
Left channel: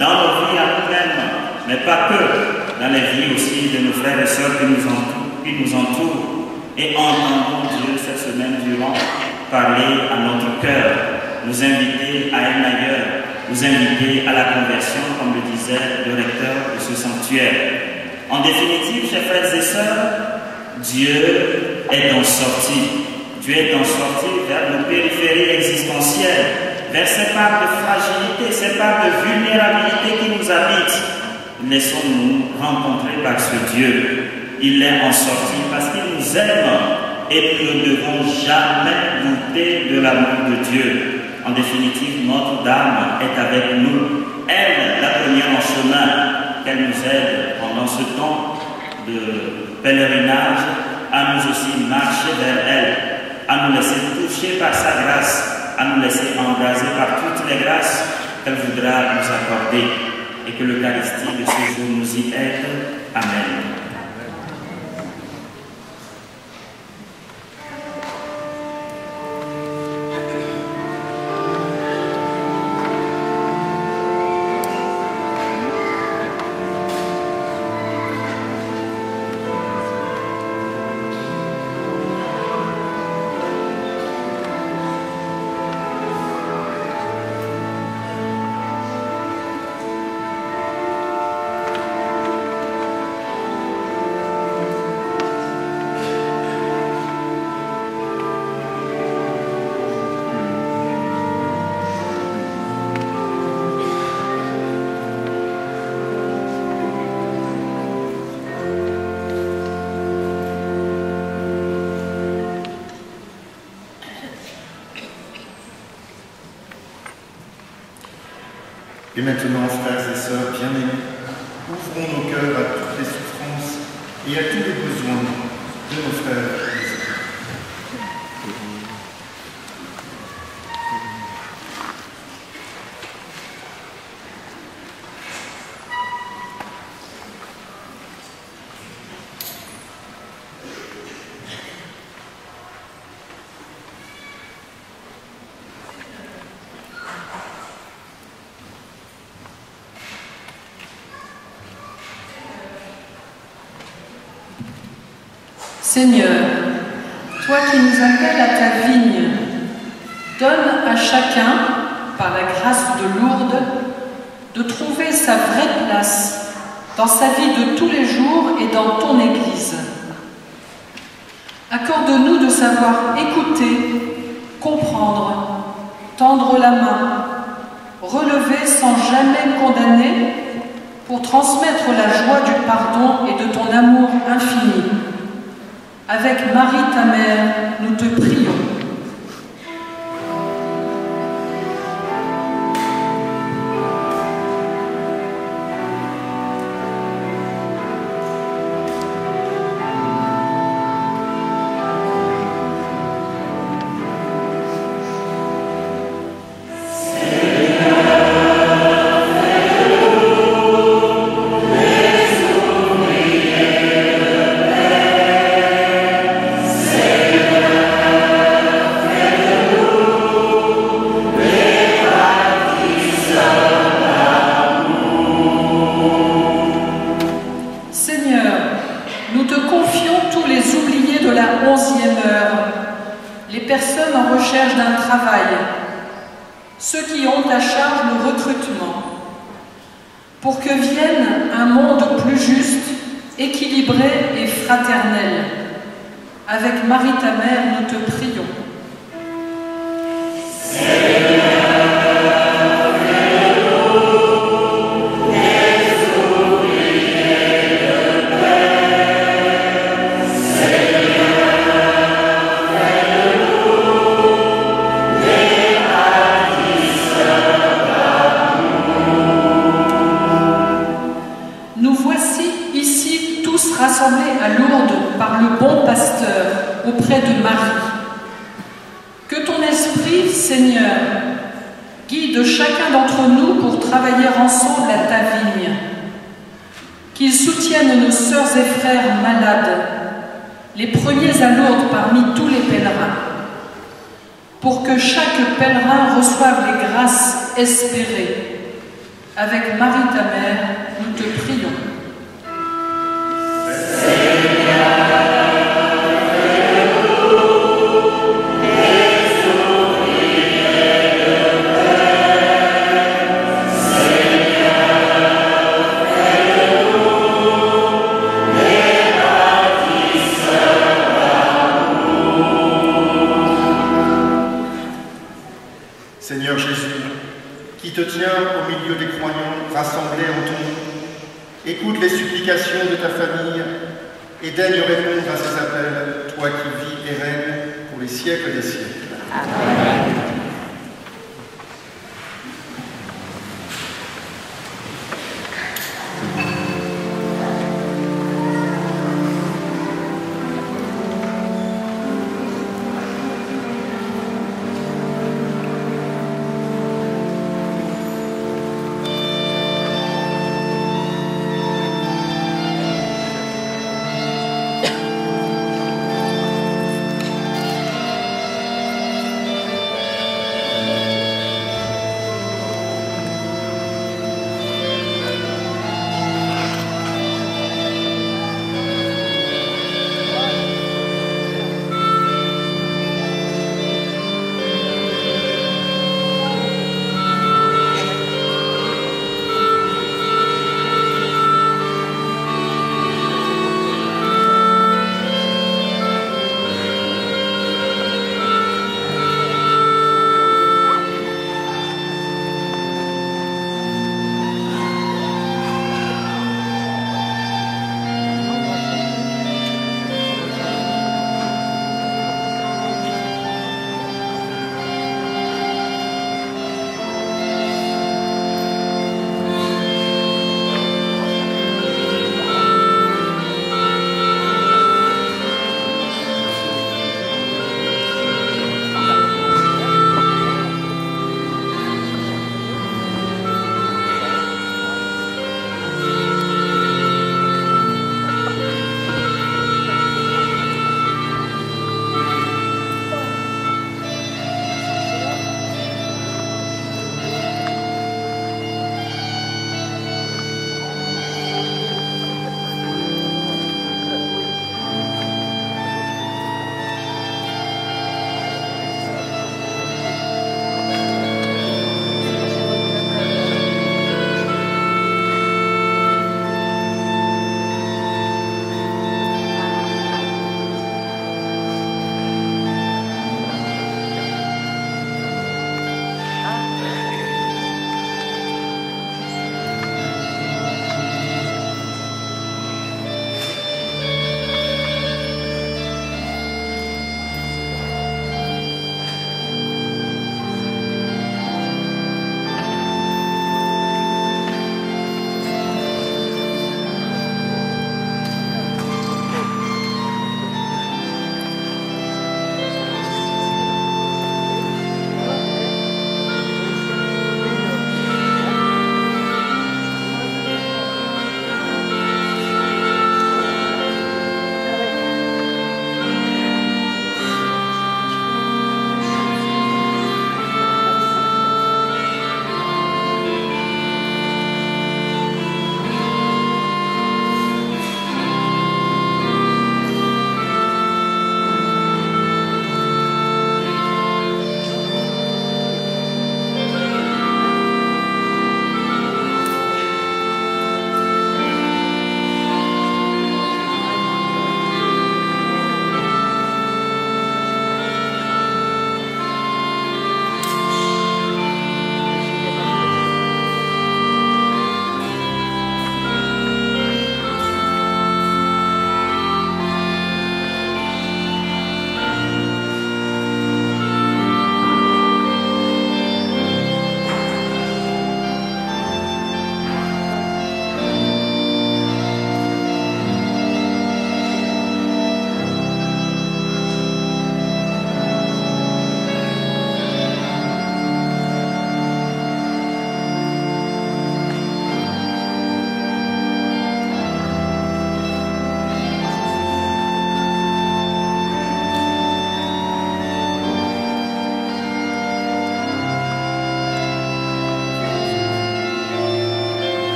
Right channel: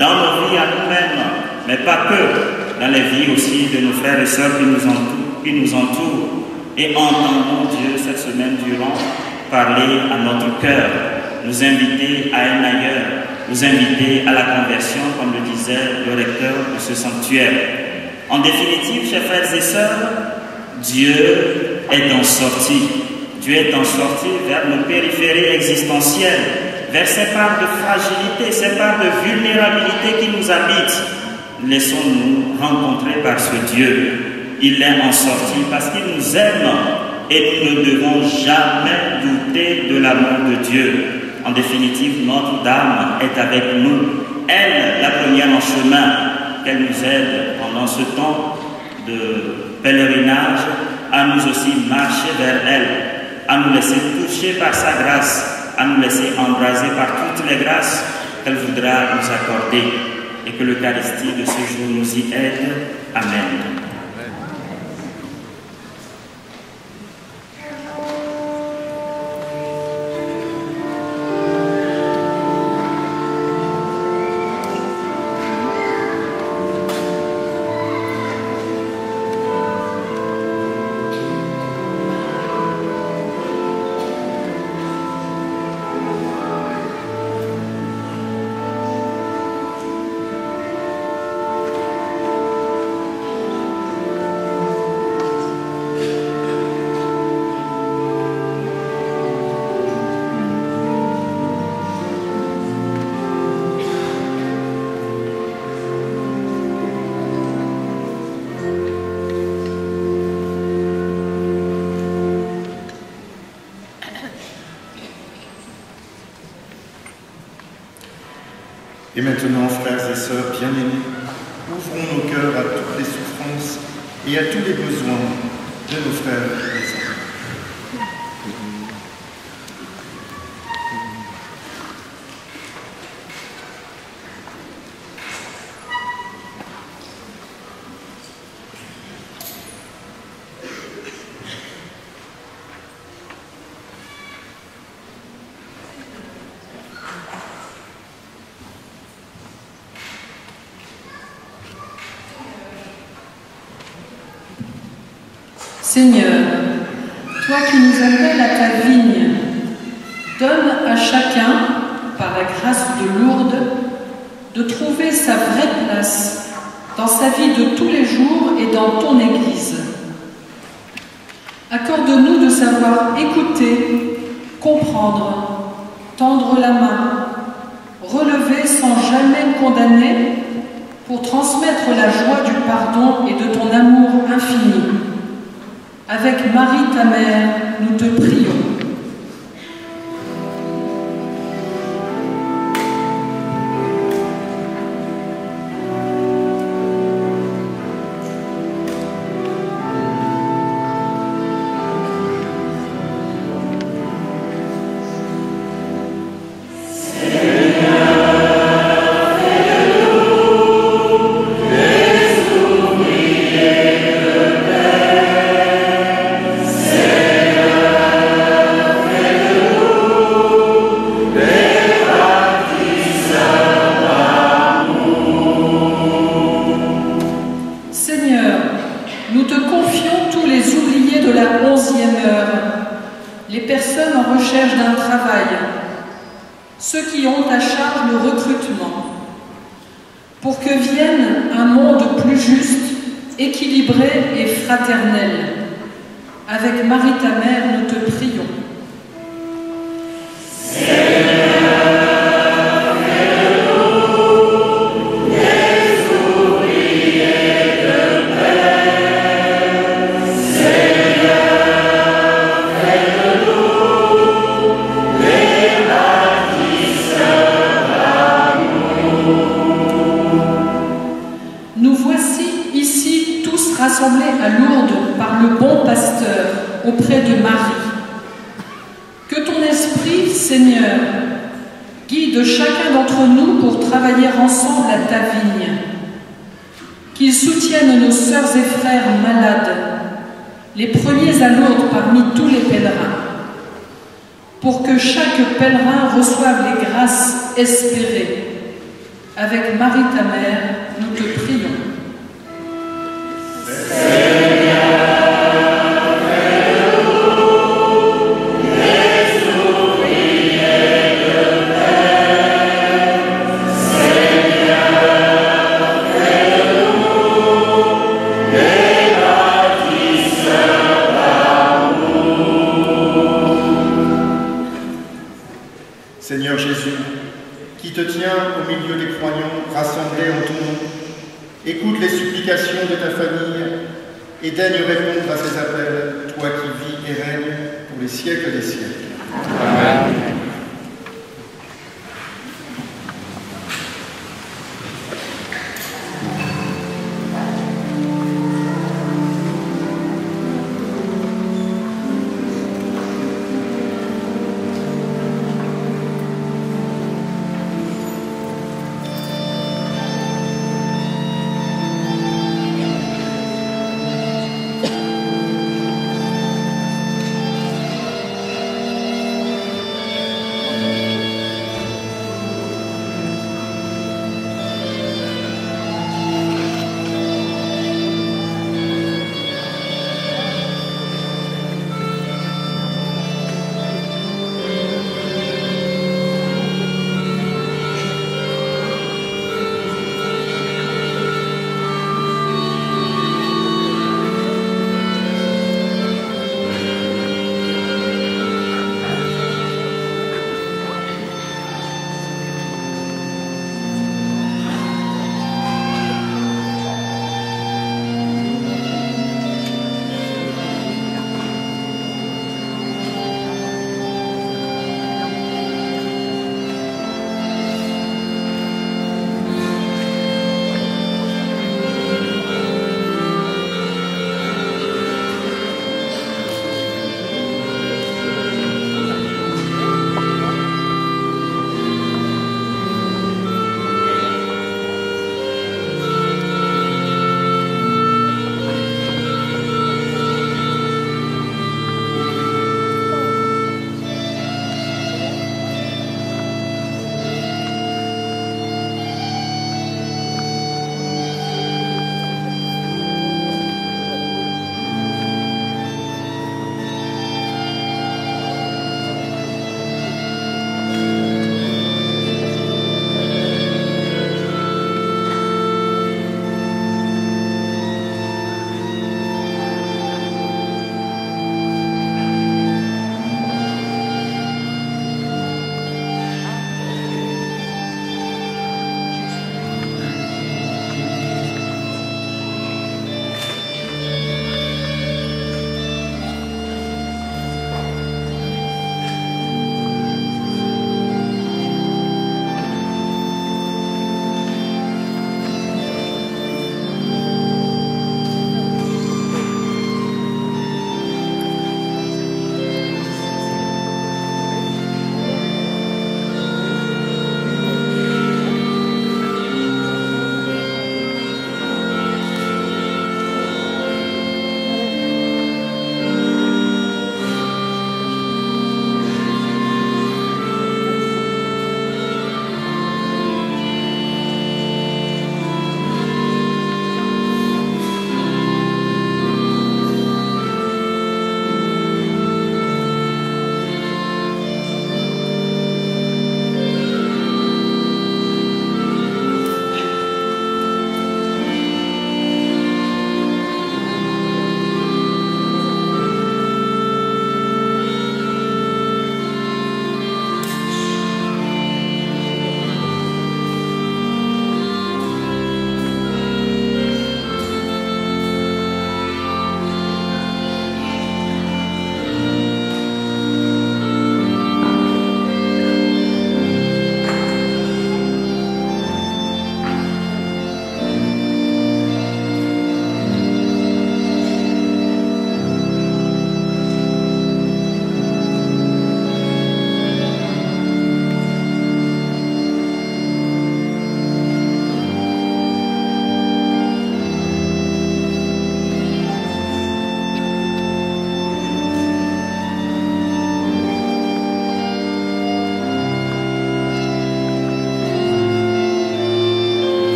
dans nos vies à nous-mêmes, mais pas que, dans les vies aussi de nos frères et sœurs qui nous entourent. Et entendons Dieu cette semaine durant parler à notre cœur, nous inviter à un ailleurs, nous inviter à la conversion, comme le disait le recteur de ce sanctuaire. En définitive, chers frères et sœurs, Dieu est en sortie. Dieu est en sortie vers nos périphéries existentielles, vers ces parts de fragilité, ces parts de vulnérabilité qui nous habitent. Laissons-nous rencontrer par ce Dieu. Il est en sortie parce qu'il nous aime et nous ne devons jamais douter de l'amour de Dieu. En définitive, Notre-Dame est avec nous. Elle, la première en chemin, qu'elle nous aide pendant ce temps de pèlerinage à nous aussi marcher vers elle, à nous laisser toucher par sa grâce, à nous laisser embraser par toutes les grâces qu'elle voudra nous accorder, et que l'Eucharistie de ce jour nous y aide. Amen. Et maintenant, frères et sœurs bien-aimés, ouvrons nos cœurs à toutes les souffrances et à tous les besoins de nos frères et sœurs. Seigneur, toi qui nous appelles à ta vigne, donne à chacun, par la grâce de Lourdes, de trouver sa vraie place dans sa vie de tous les jours et dans ton Église. Accorde-nous de savoir écouter, comprendre, tendre la main, relever sans jamais condamner, pour transmettre la joie du pardon et de ton amour infini. Avec Marie, ta mère, nous te prions. Ceux qui ont à charge le recrutement, pour que vienne un monde plus juste, équilibré et fraternel. Avec Marie ta mère, nous te prions. Rassemblés à Lourdes par le bon pasteur auprès de Marie. Que ton esprit, Seigneur, guide chacun d'entre nous pour travailler ensemble à ta vigne. Qu'il soutienne nos sœurs et frères malades, les premiers à Lourdes parmi tous les pèlerins, pour que chaque pèlerin reçoive les grâces espérées. Avec Marie ta mère, nous te prions. Seigneur Jésus, qui te tiens au milieu des croyants rassemblés en ton nom, écoute les supplications de ta famille et daigne répondre à ces appels, toi qui vis et règnes pour les siècles des siècles. Amen.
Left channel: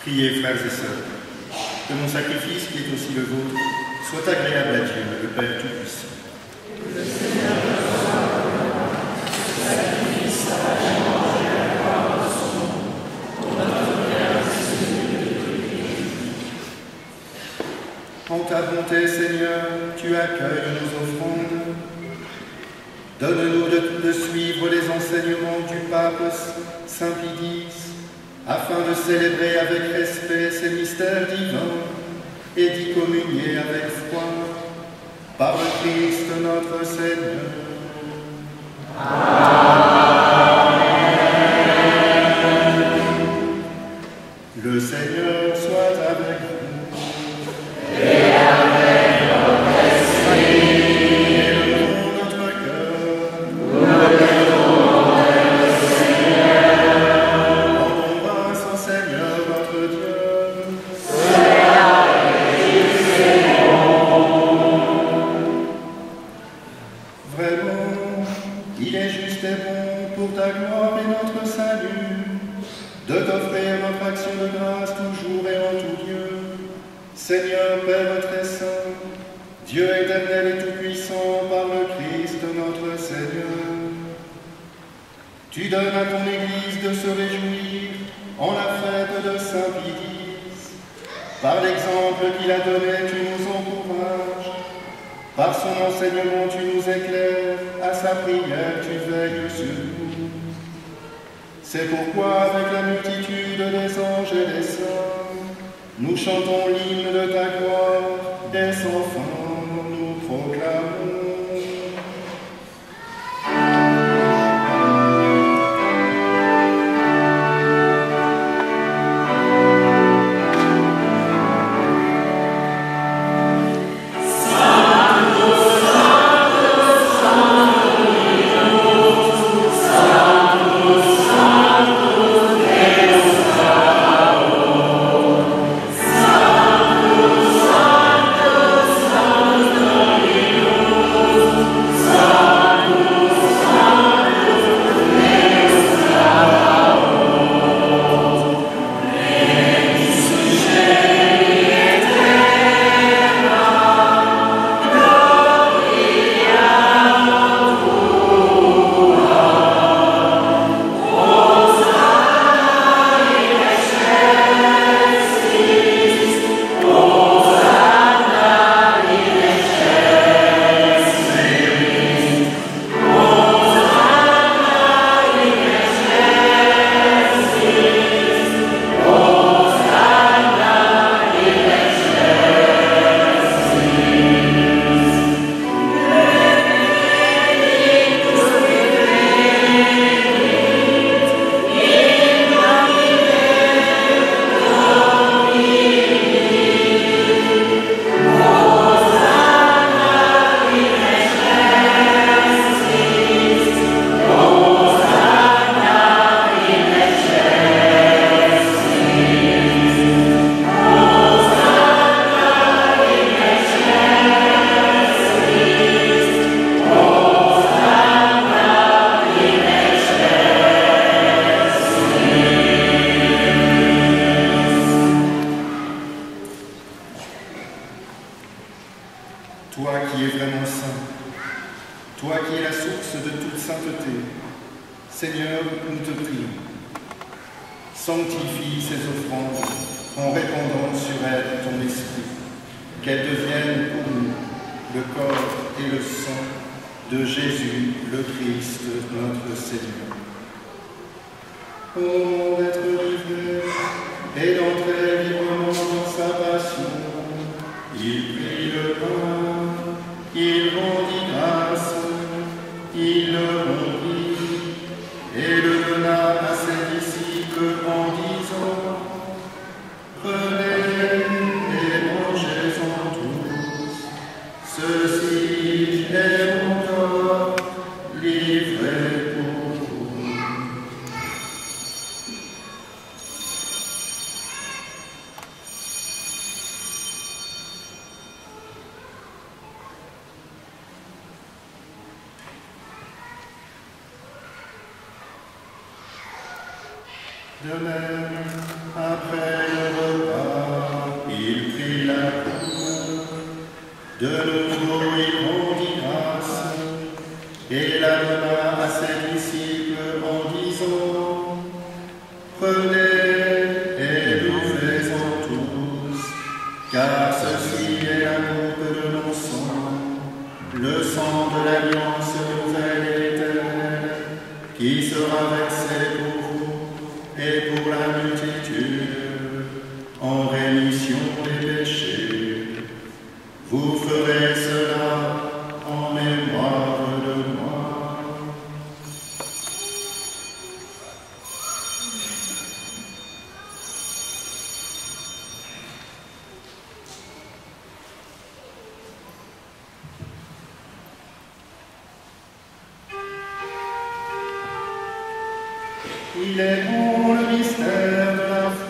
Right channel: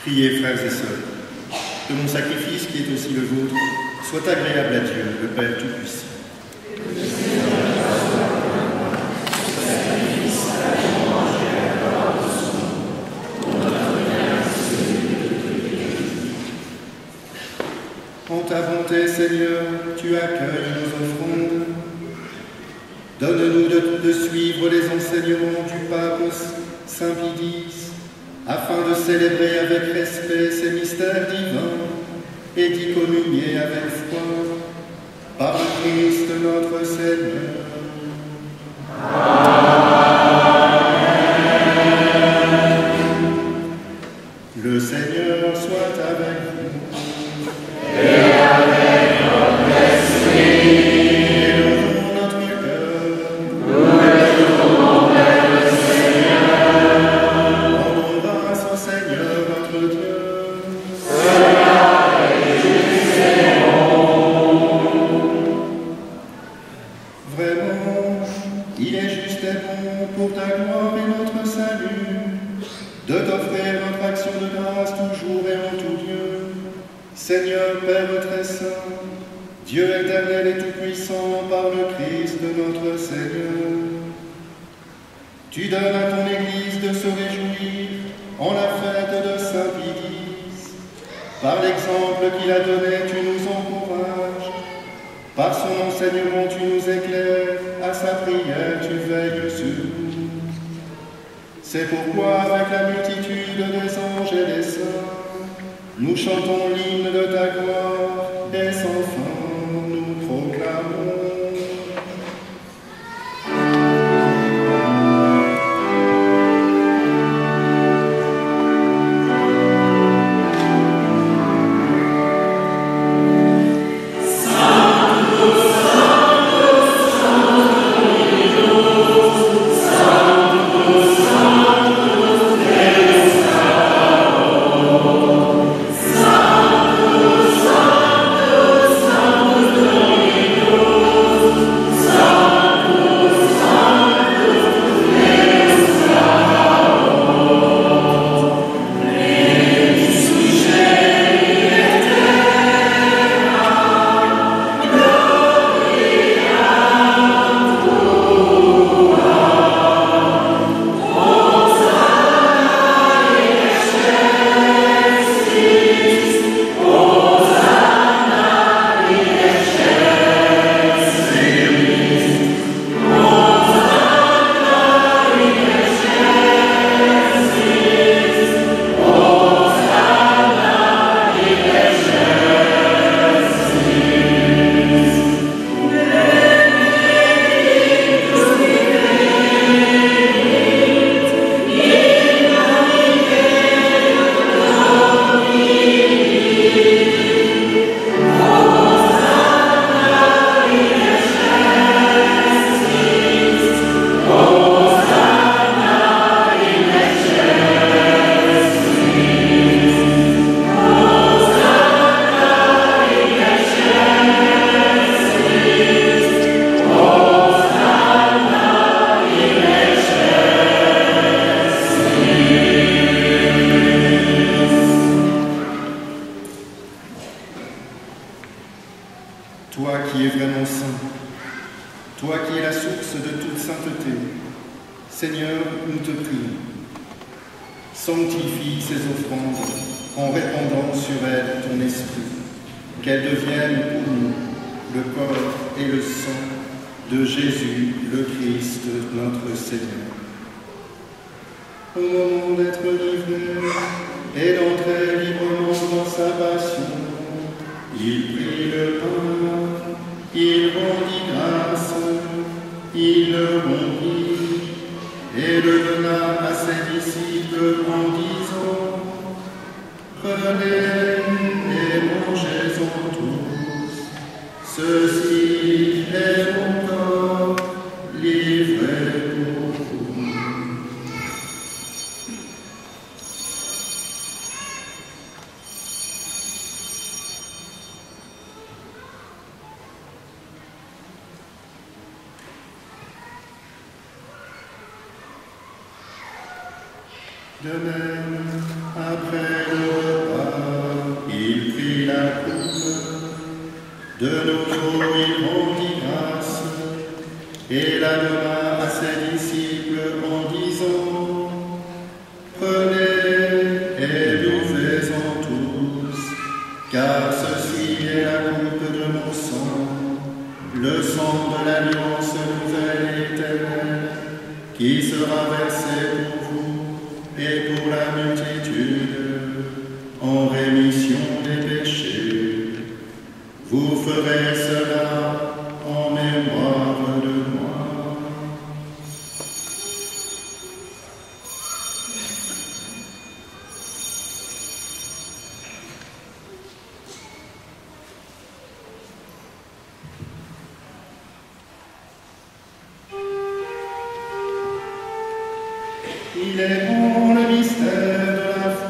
Priez, frères et sœurs, que mon sacrifice, qui est aussi le vôtre, soit agréable à Dieu, le Père Tout-Puissant. En ta bonté, Seigneur, tu accueilles nos offrandes. Donne-nous de suivre les enseignements du pape Saint Pie X, afin de célébrer avec respect ces mystères divins et d'y communier avec foi, par le Christ notre Seigneur. Le Seigneur soit avec vous. Et avec votre esprit. Élevons notre cœur. Nous élevons vers le Seigneur. Rendons grâce au Seigneur notre Dieu. Cela est juste et bon. Vraiment, il est juste et bon pour ta gloire et notre salut de t'offrir notre action de grâce toujours et en tout lieu. Seigneur Père très saint, Dieu éternel et tout-puissant par le Christ notre Seigneur, tu donnes à ton Église de se réjouir en la fête de Saint Pie X. Par l'exemple qu'il a donné, tu nous encourages. Par son enseignement, tu nous éclaires. À sa prière, tu veilles sur nous. C'est pourquoi, avec la multitude des anges et des saints, nous chantons l'hymne de ta gloire et sans fin nous proclamons. Toi qui es vraiment saint, toi qui es la source de toute sainteté, Seigneur, nous te prions. Sanctifie ces offrandes en répandant sur elles ton esprit, qu'elles deviennent pour nous le corps et le sang de Jésus, le Christ, notre Seigneur. Au moment d'être livré et d'entrer librement dans sa passion, il prit le pain, il rendit grâce, il le rompit et le donna à ses disciples en disant: prenez et mangez-en tous, ceci est mon corps livré pour vous. De même, après le repas, il prit la coupe. De nouveau, il rendit grâce et la donna à ses disciples en disant: Prenez et buvez-en tous, car ceci est la coupe de mon sang, le sang de l'alliance nouvelle et éternelle, qui sera versé pour vous et pour la multitude, en rémission des péchés. Vous ferez cela en mémoire de moi. Il est grand le mystère de la foi.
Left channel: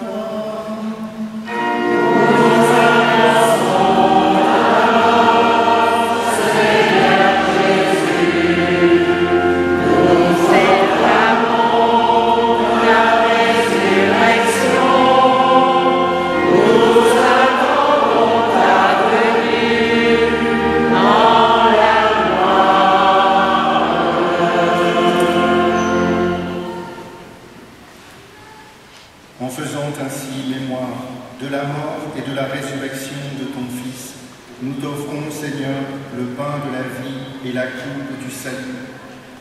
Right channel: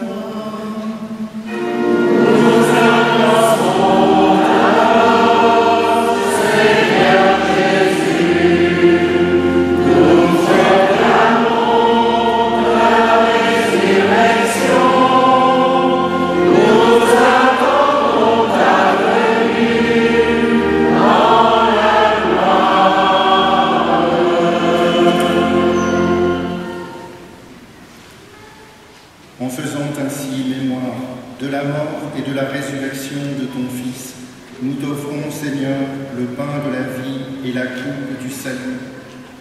En faisant ainsi mémoire de la mort et de la résurrection de ton Fils, nous t'offrons, Seigneur, le pain de la vie et la coupe du salut,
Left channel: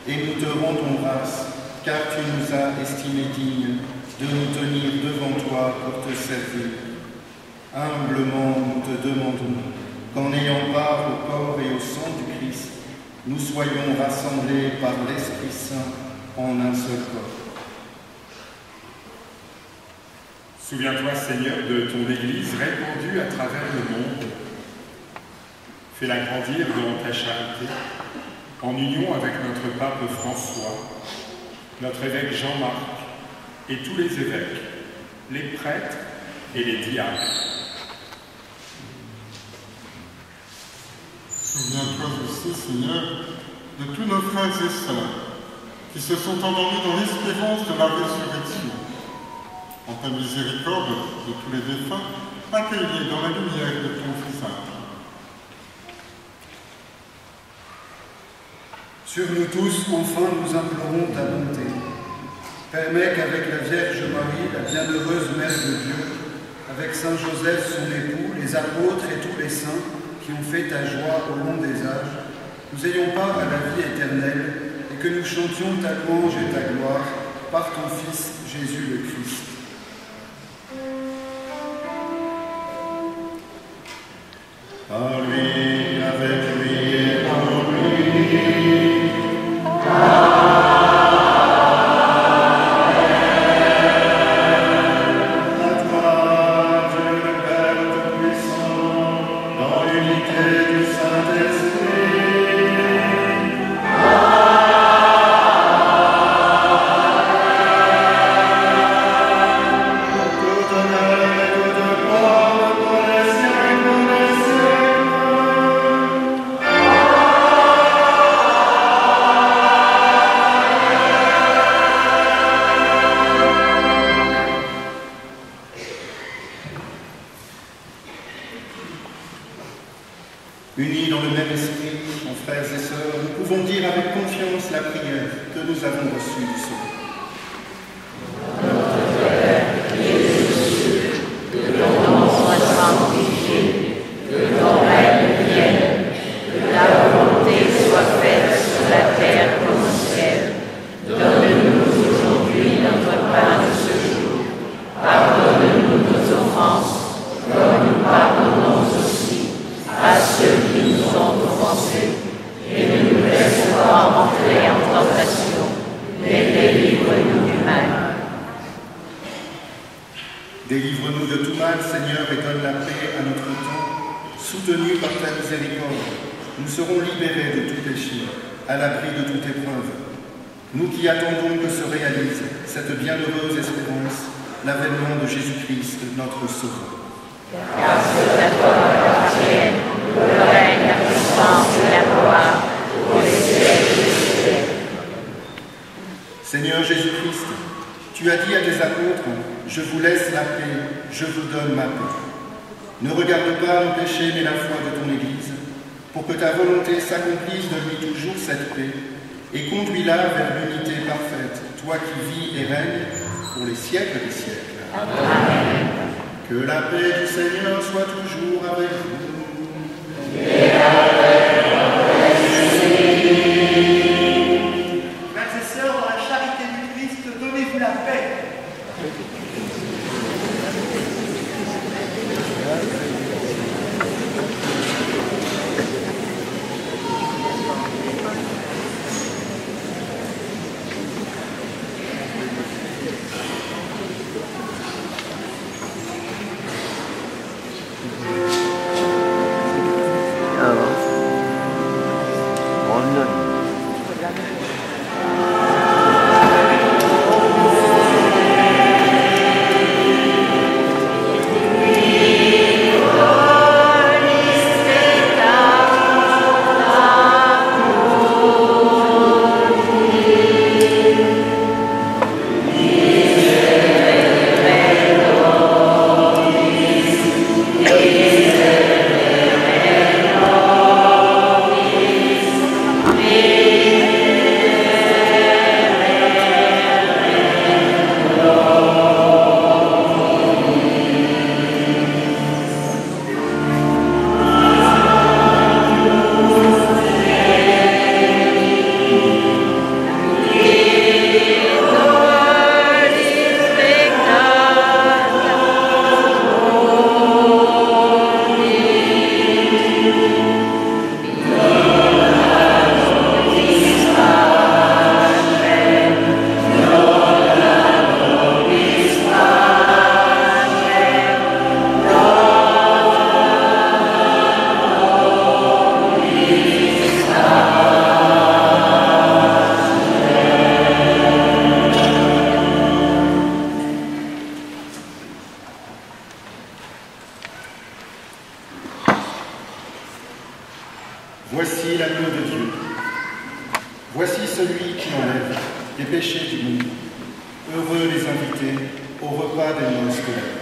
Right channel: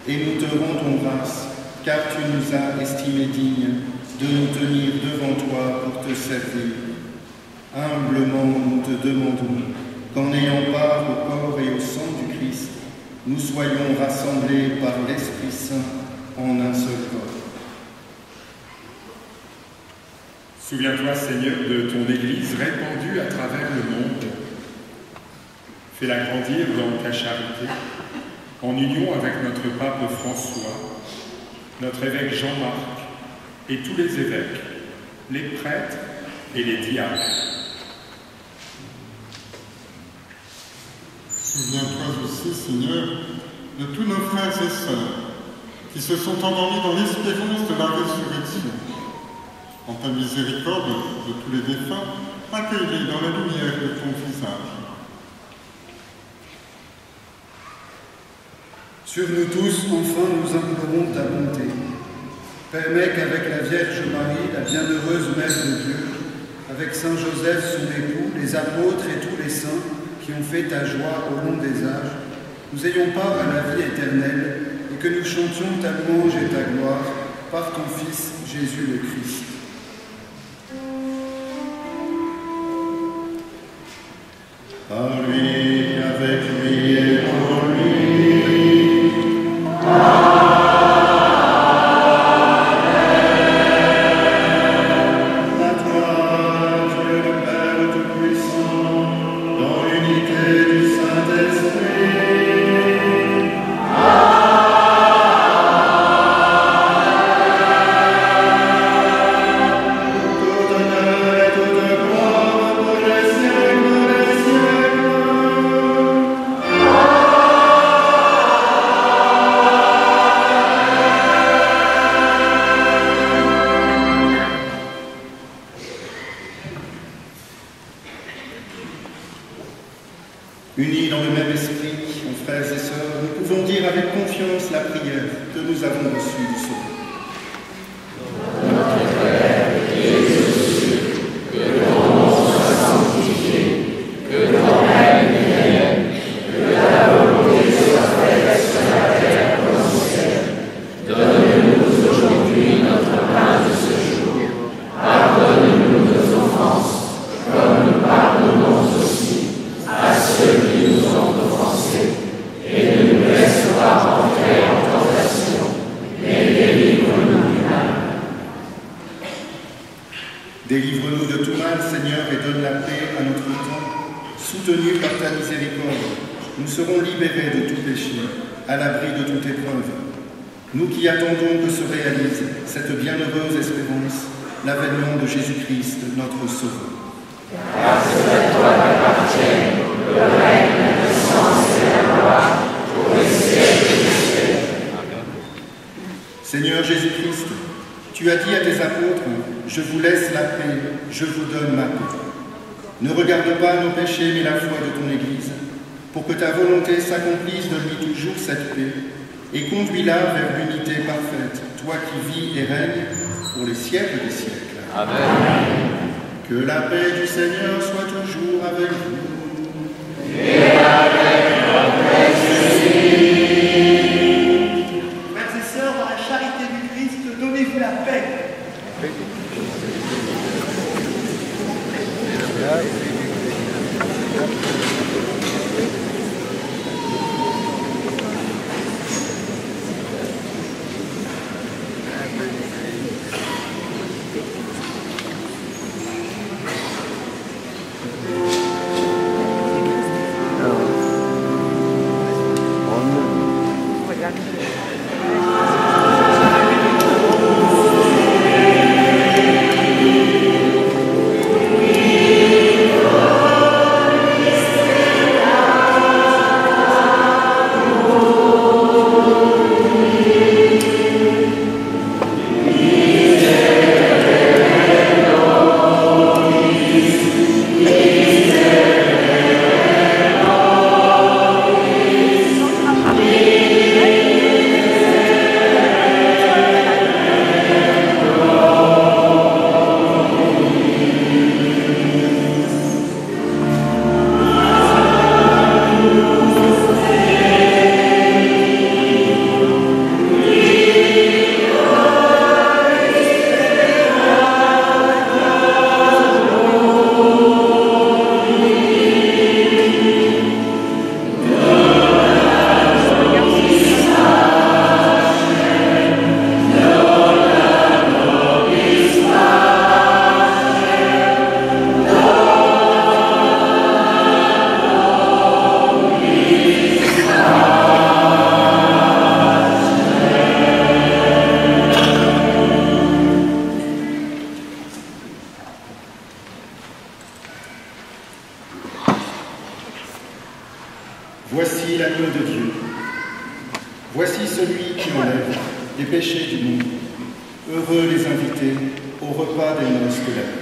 et nous te rendons grâce, car tu nous as estimés dignes de nous tenir devant toi pour te servir. Humblement, nous te demandons qu'en ayant part au corps et au sang du Christ, nous soyons rassemblés par l'Esprit Saint en un seul corps. Souviens-toi, Seigneur, de ton Église répandue à travers le monde. Fais-la grandir dans ta charité, en union avec notre pape François, notre évêque Jean-Marc et tous les évêques, les prêtres et les diacres. Souviens-toi aussi, Seigneur, de tous nos frères et sœurs qui se sont endormis dans l'espérance de la résurrection. En ta miséricorde de tous les défunts, accueille-les dans la lumière de ton visage. Sur nous tous, enfin, nous implorons ta bonté. Permets qu'avec la Vierge Marie, la bienheureuse Mère de Dieu, avec Saint Joseph, son époux, les apôtres et tous les saints qui ont fait ta joie au long des âges, nous ayons part à la vie éternelle et que nous chantions ta louange et ta gloire par ton Fils, Jésus le Christ. Par lui, avec lui et en lui. À toi, Dieu le Père Tout-Puissant, dans l'unité du Saint-Esprit. Tout honneur et toute gloire pour les siècles des siècles. Unis dans le même esprit, mon frères et sœurs, nous pouvons dire avec confiance la prière que nous avons reçue du Sauveur. Délivre-nous de tout mal, Seigneur, et donne la paix à notre temps. Soutenus par ta miséricorde, nous serons libérés de tout péché, à l'abri de toute épreuve. Nous qui attendons que se réalise cette bienheureuse espérance, l'avènement de Jésus-Christ, notre Sauveur. Seigneur Jésus-Christ, Tu as dit à tes apôtres, je vous laisse la paix, je vous donne ma paix. Ne regarde pas nos péchés, mais la foi de ton Église, pour que ta volonté s'accomplisse de lui toujours cette paix, et conduis-la vers l'unité parfaite, toi qui vis et règnes pour les siècles des siècles. Amen. Que la paix du Seigneur soit toujours avec vous. Et frères et sœurs, dans la charité du Christ, donnez-vous la paix. Voici l'agneau de Dieu. Voici celui qui enlève les péchés du monde. Heureux les invités au repas des noces de la vie.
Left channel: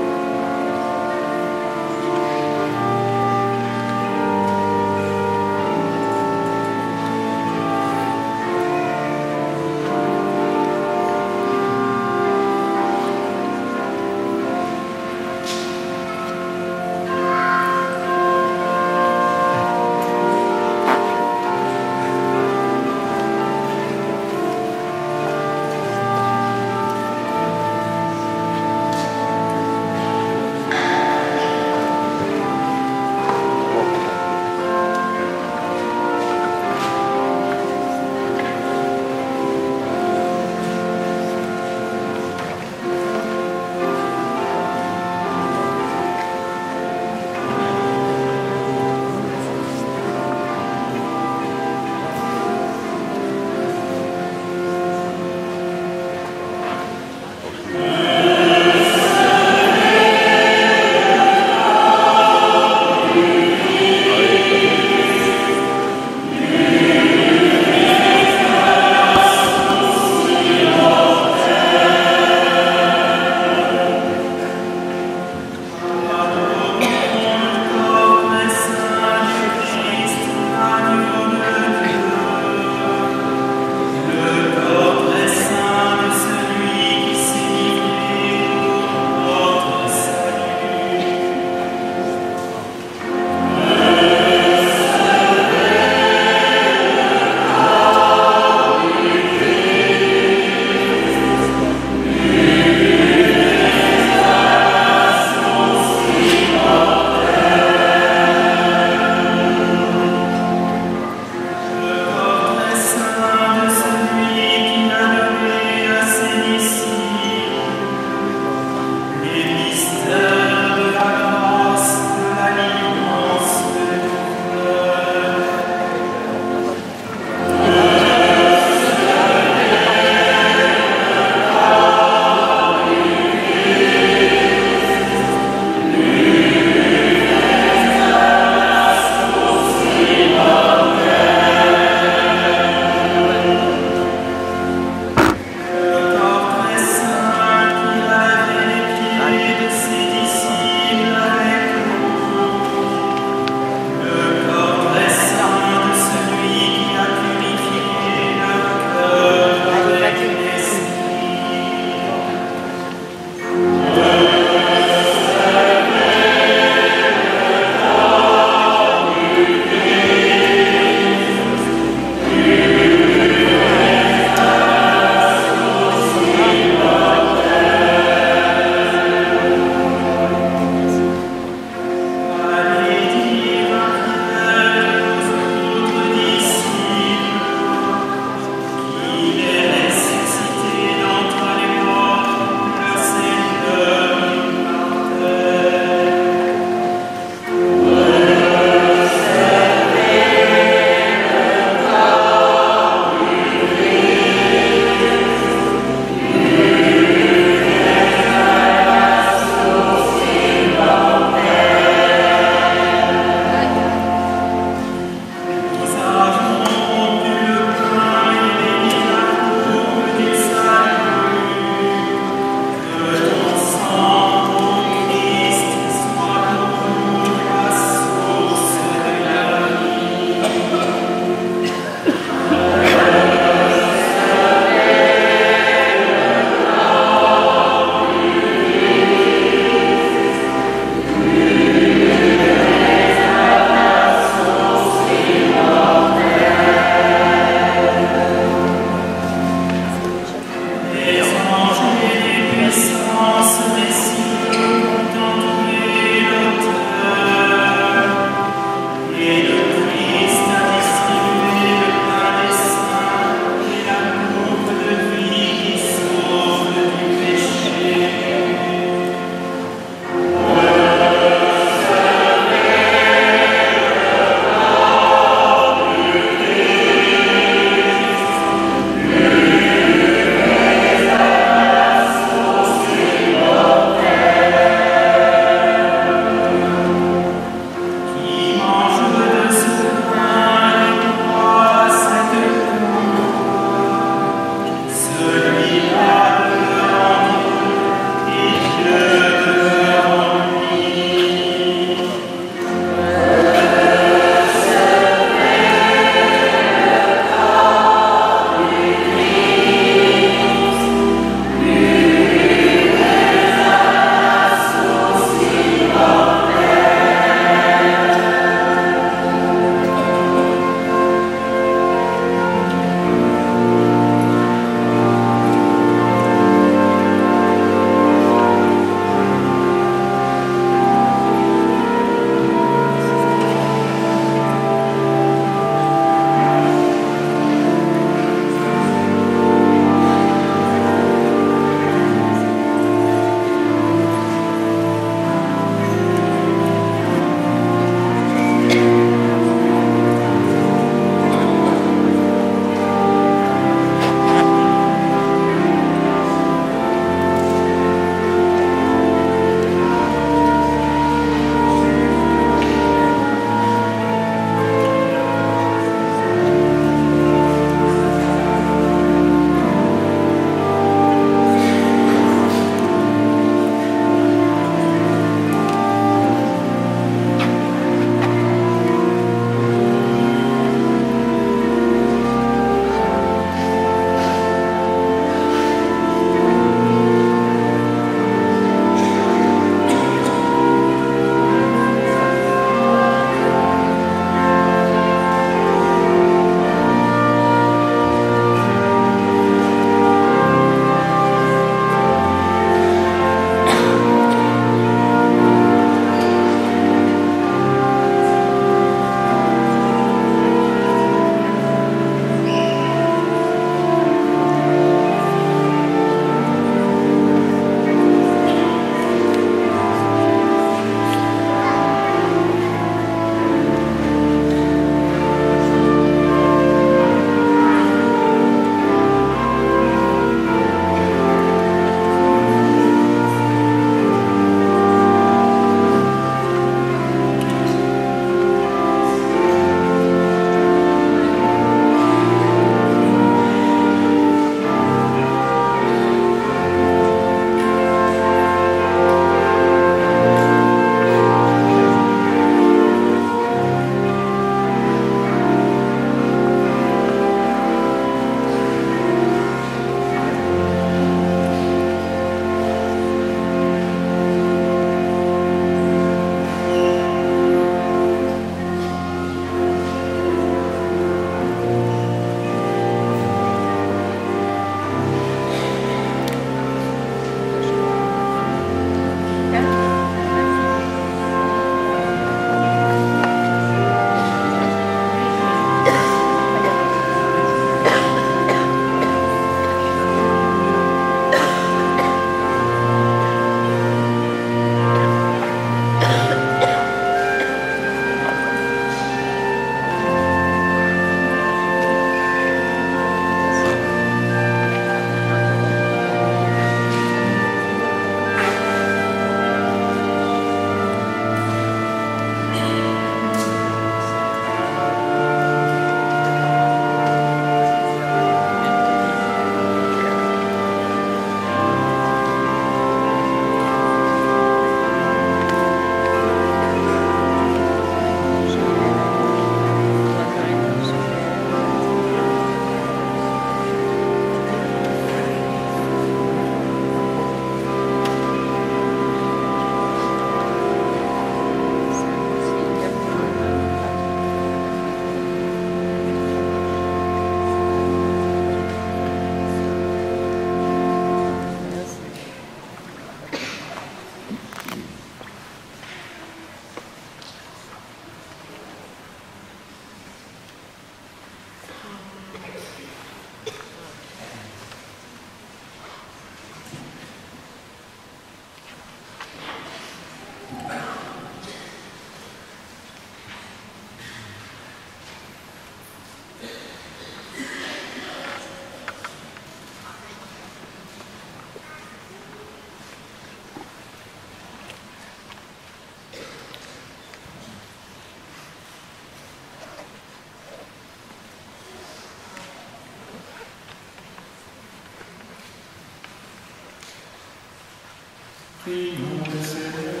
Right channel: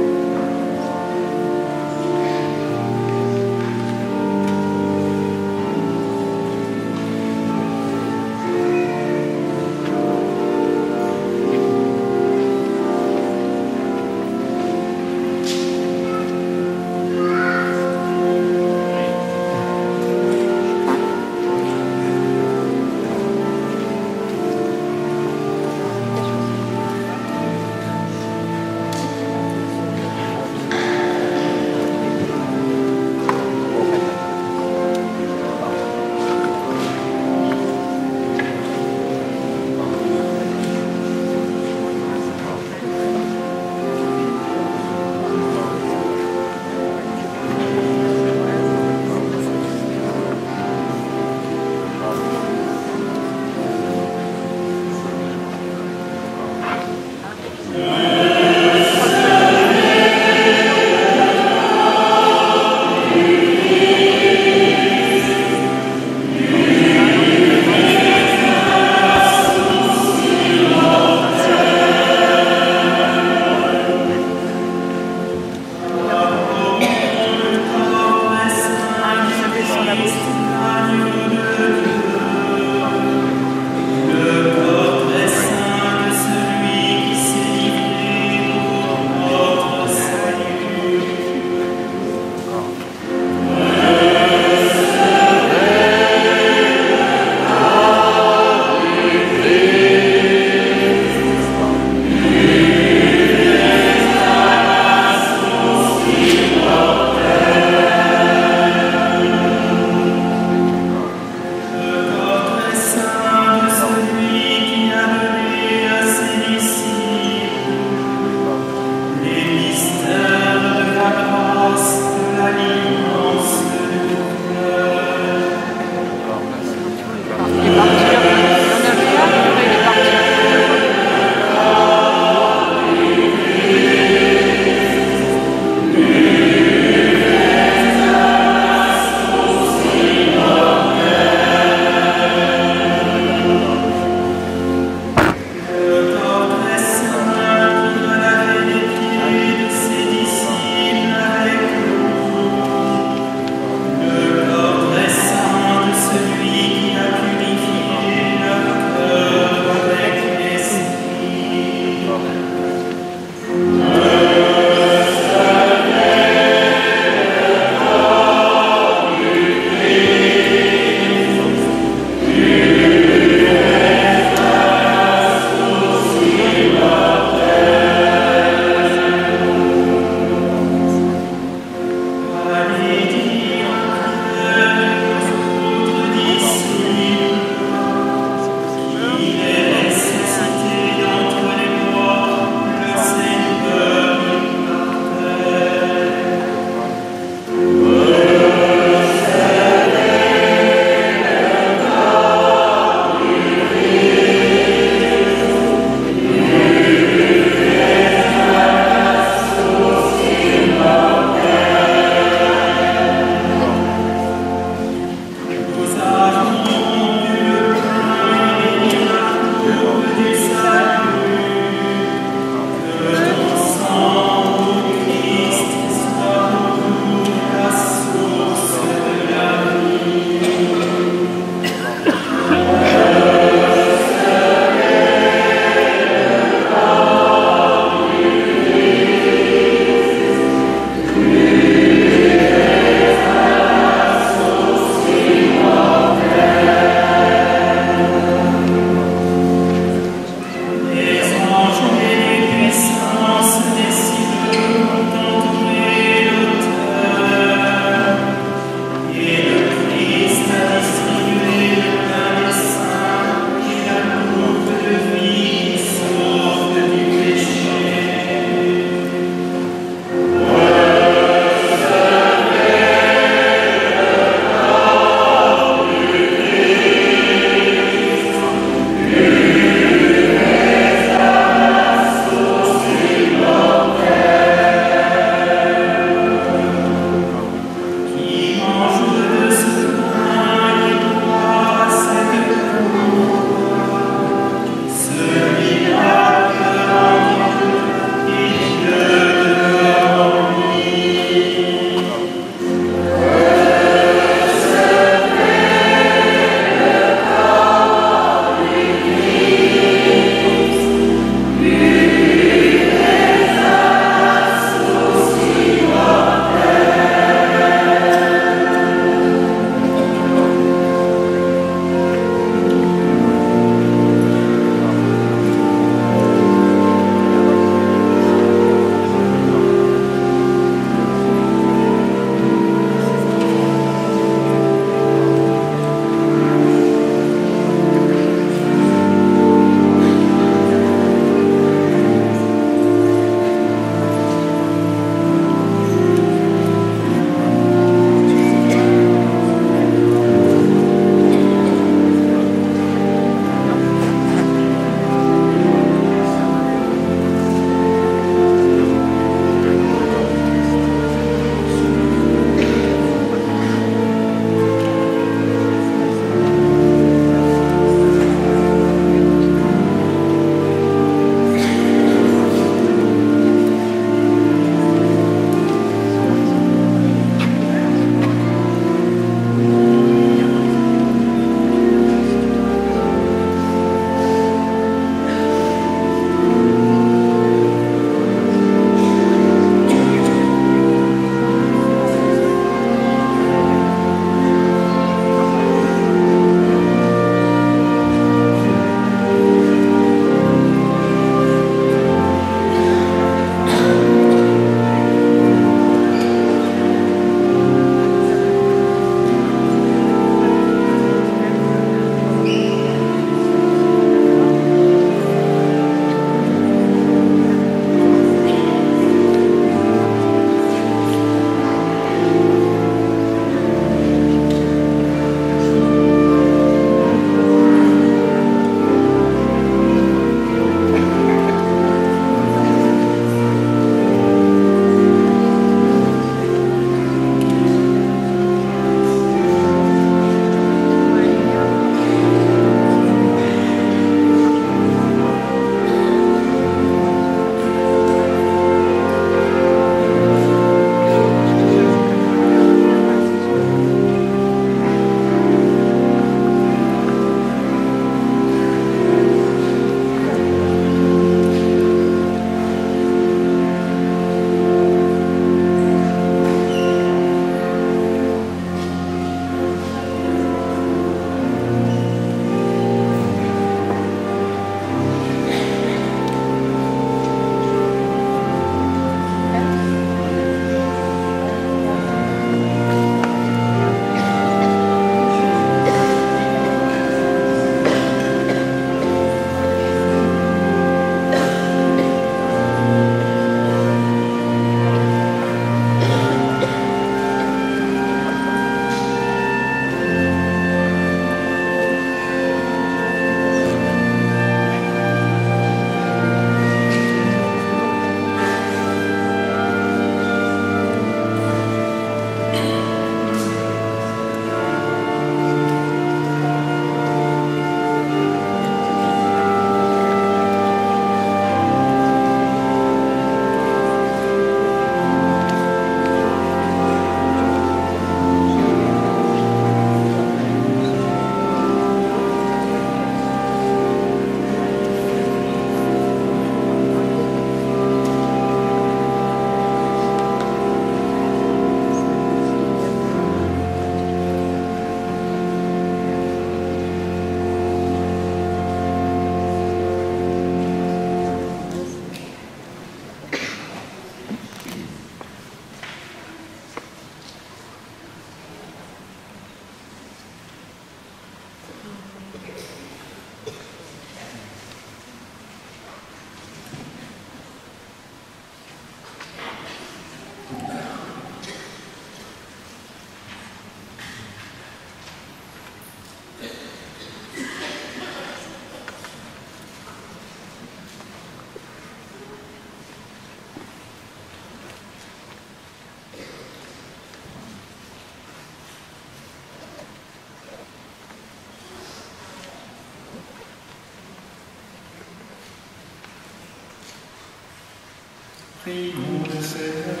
Prions le Seigneur.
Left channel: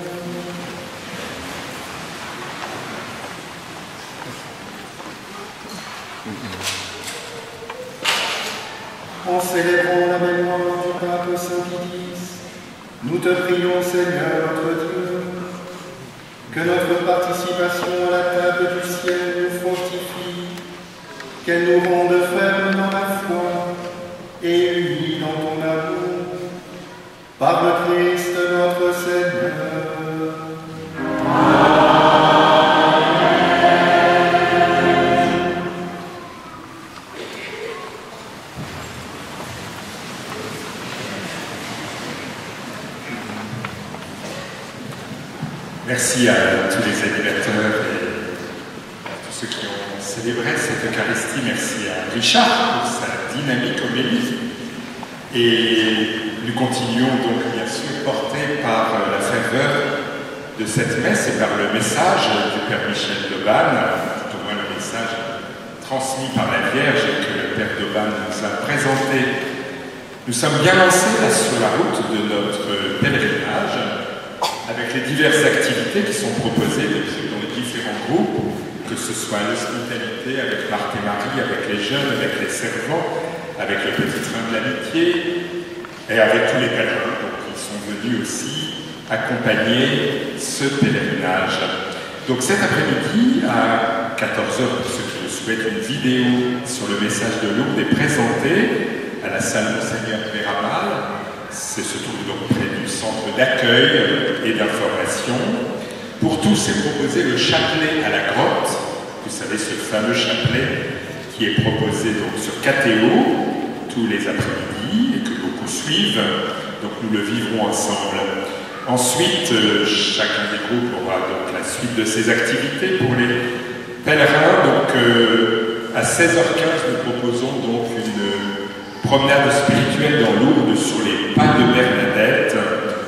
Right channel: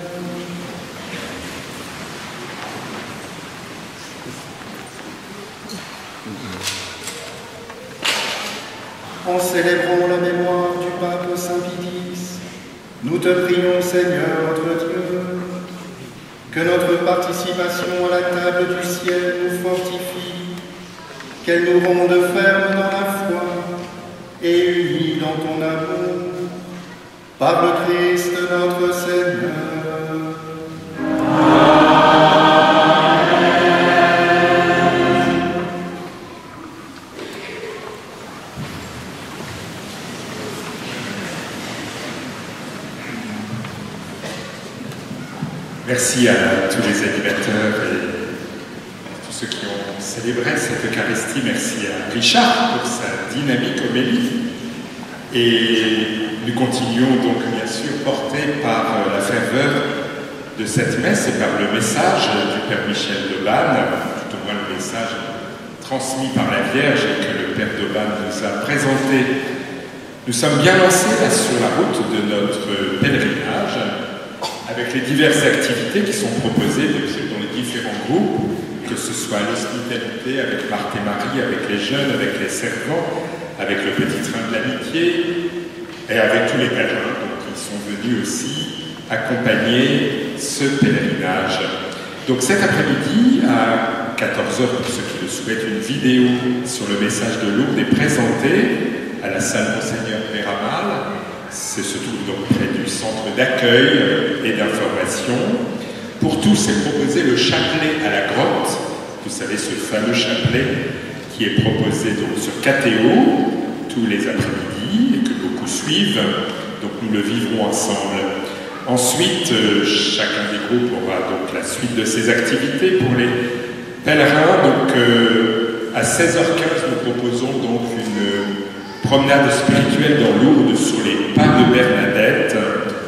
En célébrant la mémoire du pape Saint Pidis, nous te prions, Seigneur notre Dieu, que notre participation à la table du ciel nous fortifie, qu'elle nous rende fermes dans la foi et unis dans ton amour, par le Christ notre Seigneur. Merci à tous les animateurs et à tous ceux qui ont célébré cette Eucharistie. Merci à Richard pour sa dynamique homélie. Et nous continuons donc bien sûr portés par la ferveur de cette messe et par le message du Père Michel d'Aubanne, tout au moins le message transmis par la Vierge et que le Père d'Aubanne nous a présenté. Nous sommes bien lancés là sur la route de notre pèlerinage, avec les diverses activités qui sont proposées dans les différents groupes, que ce soit l'hospitalité avec Marthe et Marie, avec les jeunes, avec les servants, avec le petit train de l'amitié, et avec tous les pèlerins donc, qui sont venus aussi accompagner ce pèlerinage. Donc cet après-midi, à 14h, pour ceux qui le souhaitent, une vidéo sur le message de Lourdes est présentée à la salle Monseigneur Péramal. Se trouve donc près du centre d'accueil et d'information. Pour tous, est proposé le chapelet à la grotte. Vous savez, ce fameux chapelet qui est proposé donc sur KTO tous les après-midi et que beaucoup suivent. Donc nous le vivrons ensemble. Ensuite, chacun des groupes aura donc la suite de ses activités pour les pèlerins. Donc à 16h15, nous proposons donc une promenade spirituelle dans Lourdes sur les pas de Bernadette.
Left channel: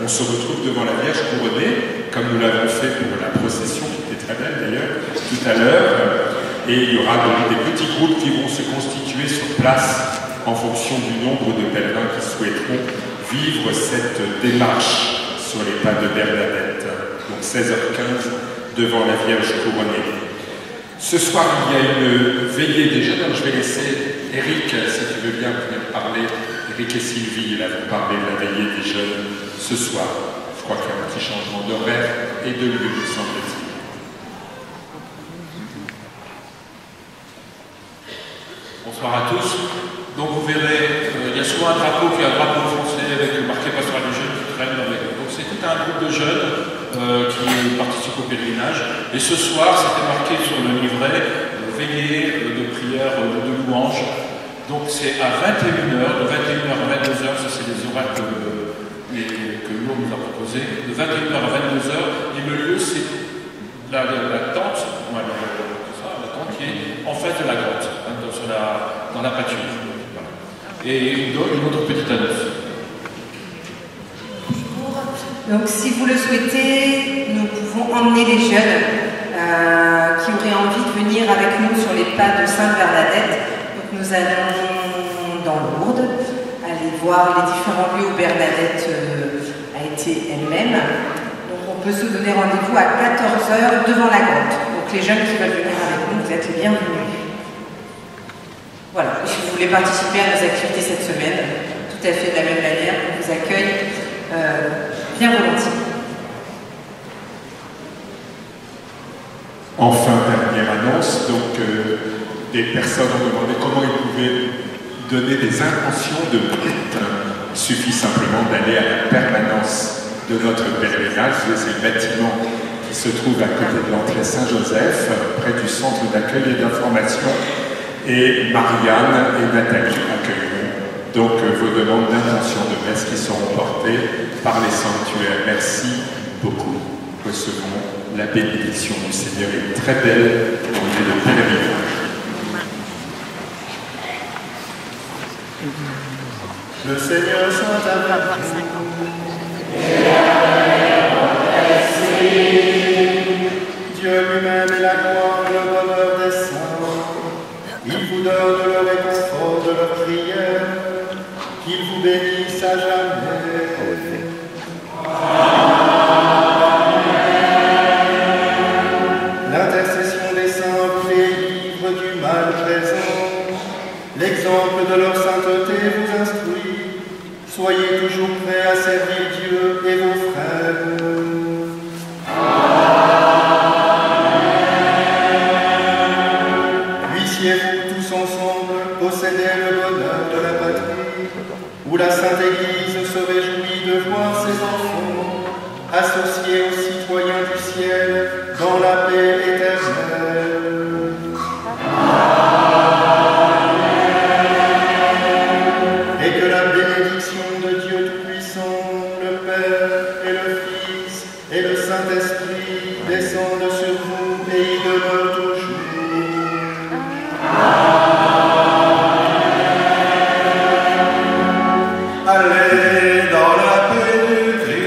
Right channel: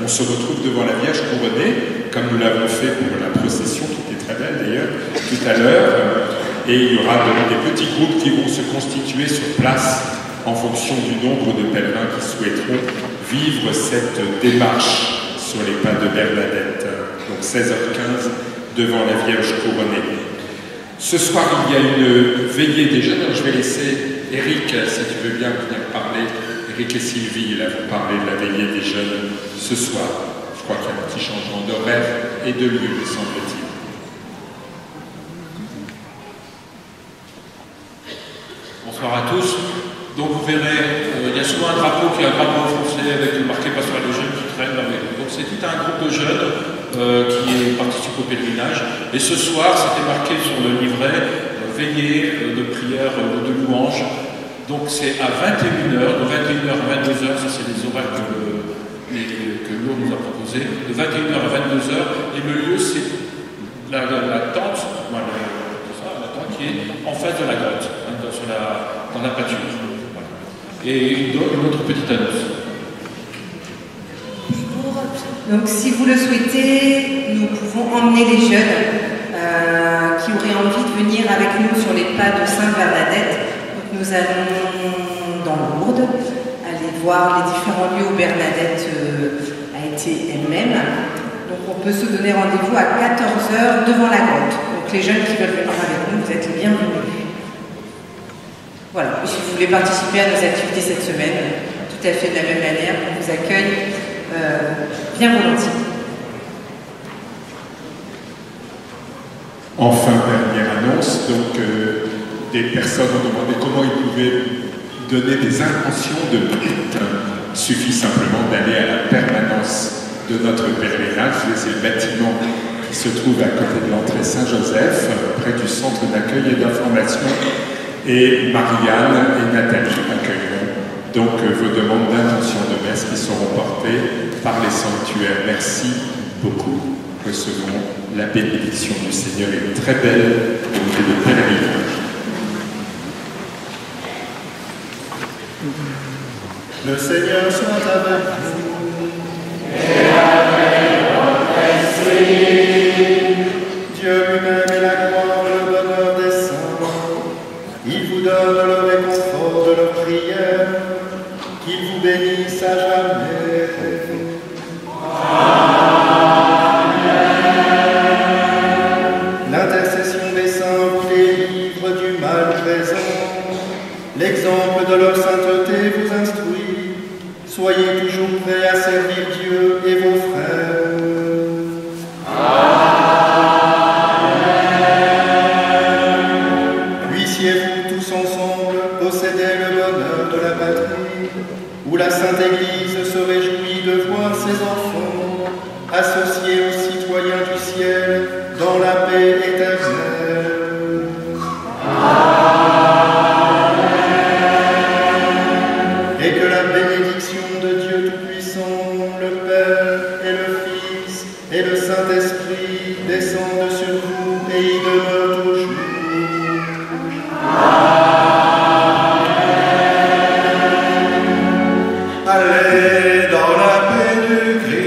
On se retrouve devant la Vierge couronnée, comme nous l'avons fait pour la procession, qui était très belle d'ailleurs, tout à l'heure. Et il y aura donc des petits groupes qui vont se constituer sur place en fonction du nombre de pèlerins qui souhaiteront vivre cette démarche sur les pas de Bernadette. Donc 16h15 devant la Vierge couronnée. Ce soir, il y a une veillée des jeunes. Alors, je vais laisser Eric, si tu veux bien venir parler. Eric et Sylvie, là, vont parler de la veillée des jeunes ce soir. Je crois qu'il y a un petit changement d'horaire et de lieu, me semble-t-il. Bonsoir à tous. Donc vous verrez, il y a souvent un drapeau qui est un drapeau français avec marqué Pastoral des jeunes qui traîne avec nous. Donc c'est tout un groupe de jeunes qui participent au pèlerinage. Et ce soir, c'était marqué sur le livret veillée de prière, de louange. Donc c'est à 21h, de 21h à 22h, ça c'est les horaires que Lourdes nous a proposés, de 21h à 22h. Et le lieu, c'est la tente, la tente qui est en face de la grotte, dans la pâture. Voilà. Et une autre petite annonce. Bonjour. Donc si vous le souhaitez, nous pouvons emmener les jeunes qui auraient envie de venir avec nous sur les pas de Sainte-Bernadette. Donc nous allons dans Lourdes, aller voir les différents lieux où Bernadette a été elle-même. Donc on peut se donner rendez-vous à 14h devant la grotte. Donc les jeunes qui veulent venir avec nous, vous êtes les bienvenus. Voilà, et si vous voulez participer à nos activités cette semaine, tout à fait de la même manière, on vous accueille bien volontiers. Enfin, dernière annonce, donc des personnes ont demandé comment ils pouvaient donner des intentions de prête. Il suffit simplement d'aller à la permanence de notre pèlerinage. C'est le bâtiment qui se trouve à côté de l'entrée Saint-Joseph, près du centre d'accueil et d'information. Et Marianne et Nathalie accueilleront donc vos demandes d'intention de messe qui seront portées par les sanctuaires. Merci beaucoup. Recevons la bénédiction du Seigneur et une très belle journée de pèlerinage. Le Seigneur soit avec vous. Dieu lui-même est la gloire et le bonheur des saints. Il vous donne le réconfort de leur prière. Qu'il vous bénisse à jamais. Amen. présent, l'exemple de leur sainteté vous instruit. Soyez toujours prêts à servir Dieu et vos frères. Puissiez-vous tous ensemble posséder le bonheur de la patrie, où la Sainte Église se réjouit de voir ses enfants associés aux citoyens du ciel dans la paix éternelle. Et que la bénédiction de Dieu Tout-Puissant, le Père et le Fils et le Saint-Esprit descendent sur vous et y demeurent toujours. Allez dans la paix du Christ.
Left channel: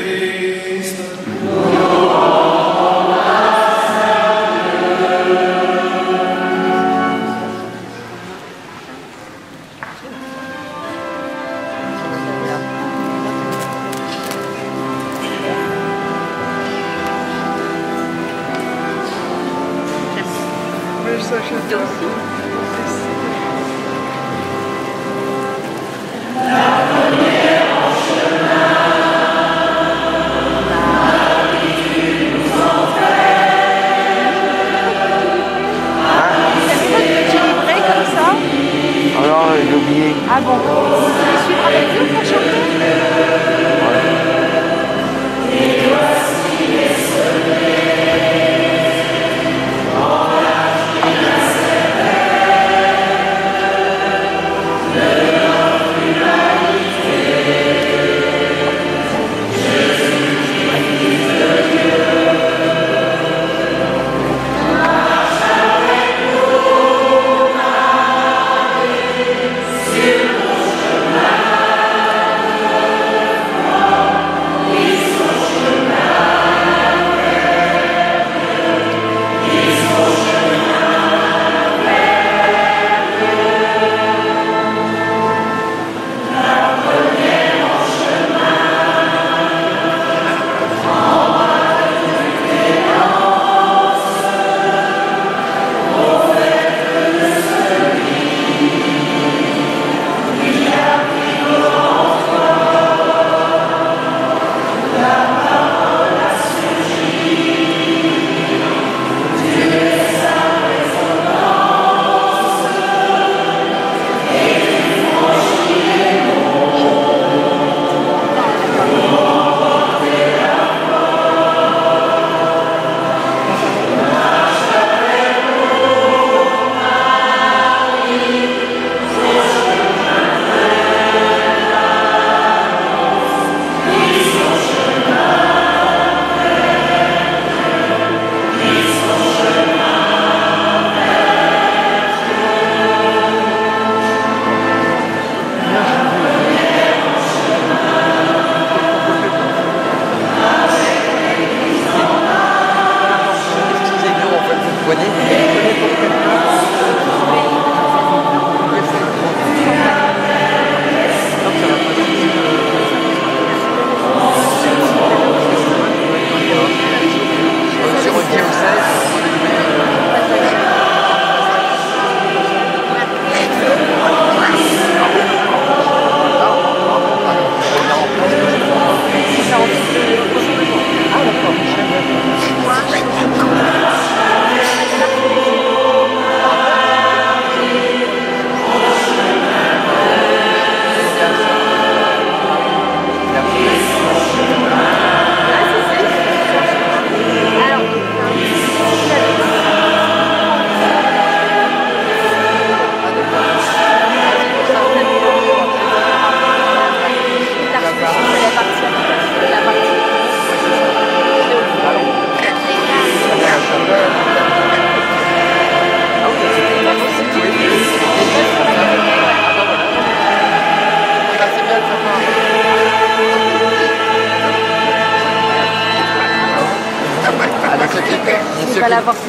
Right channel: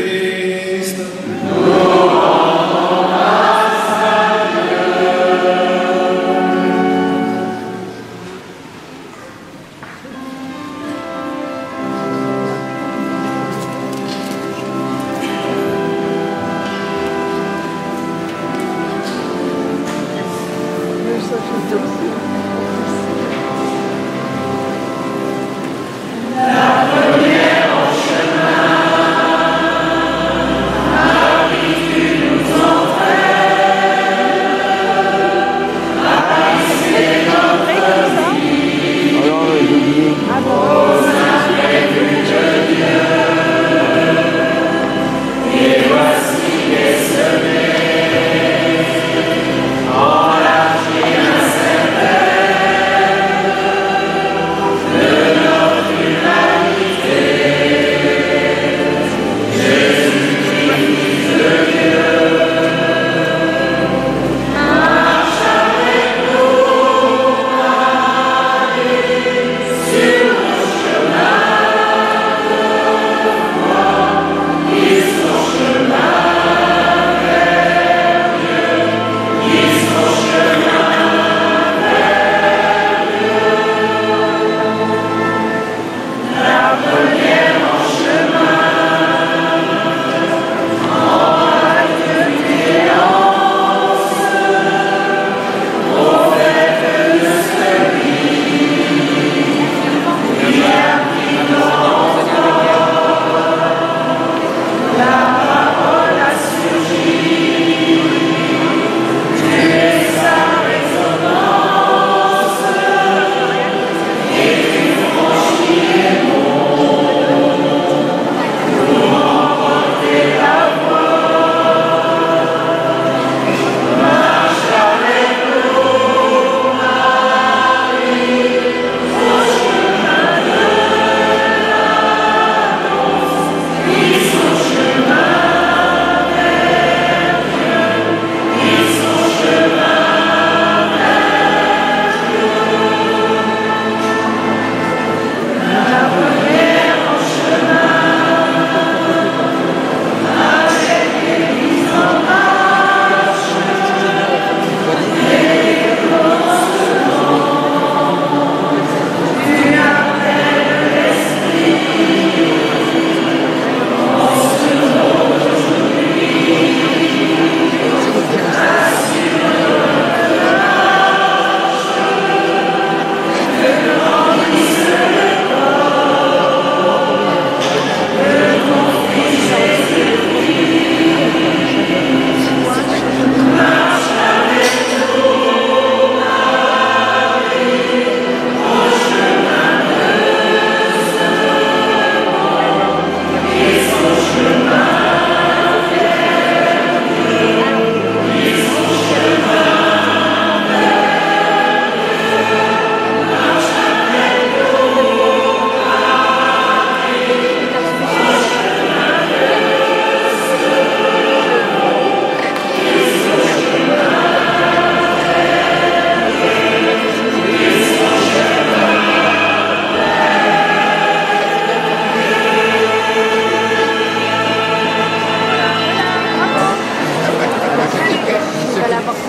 la porte.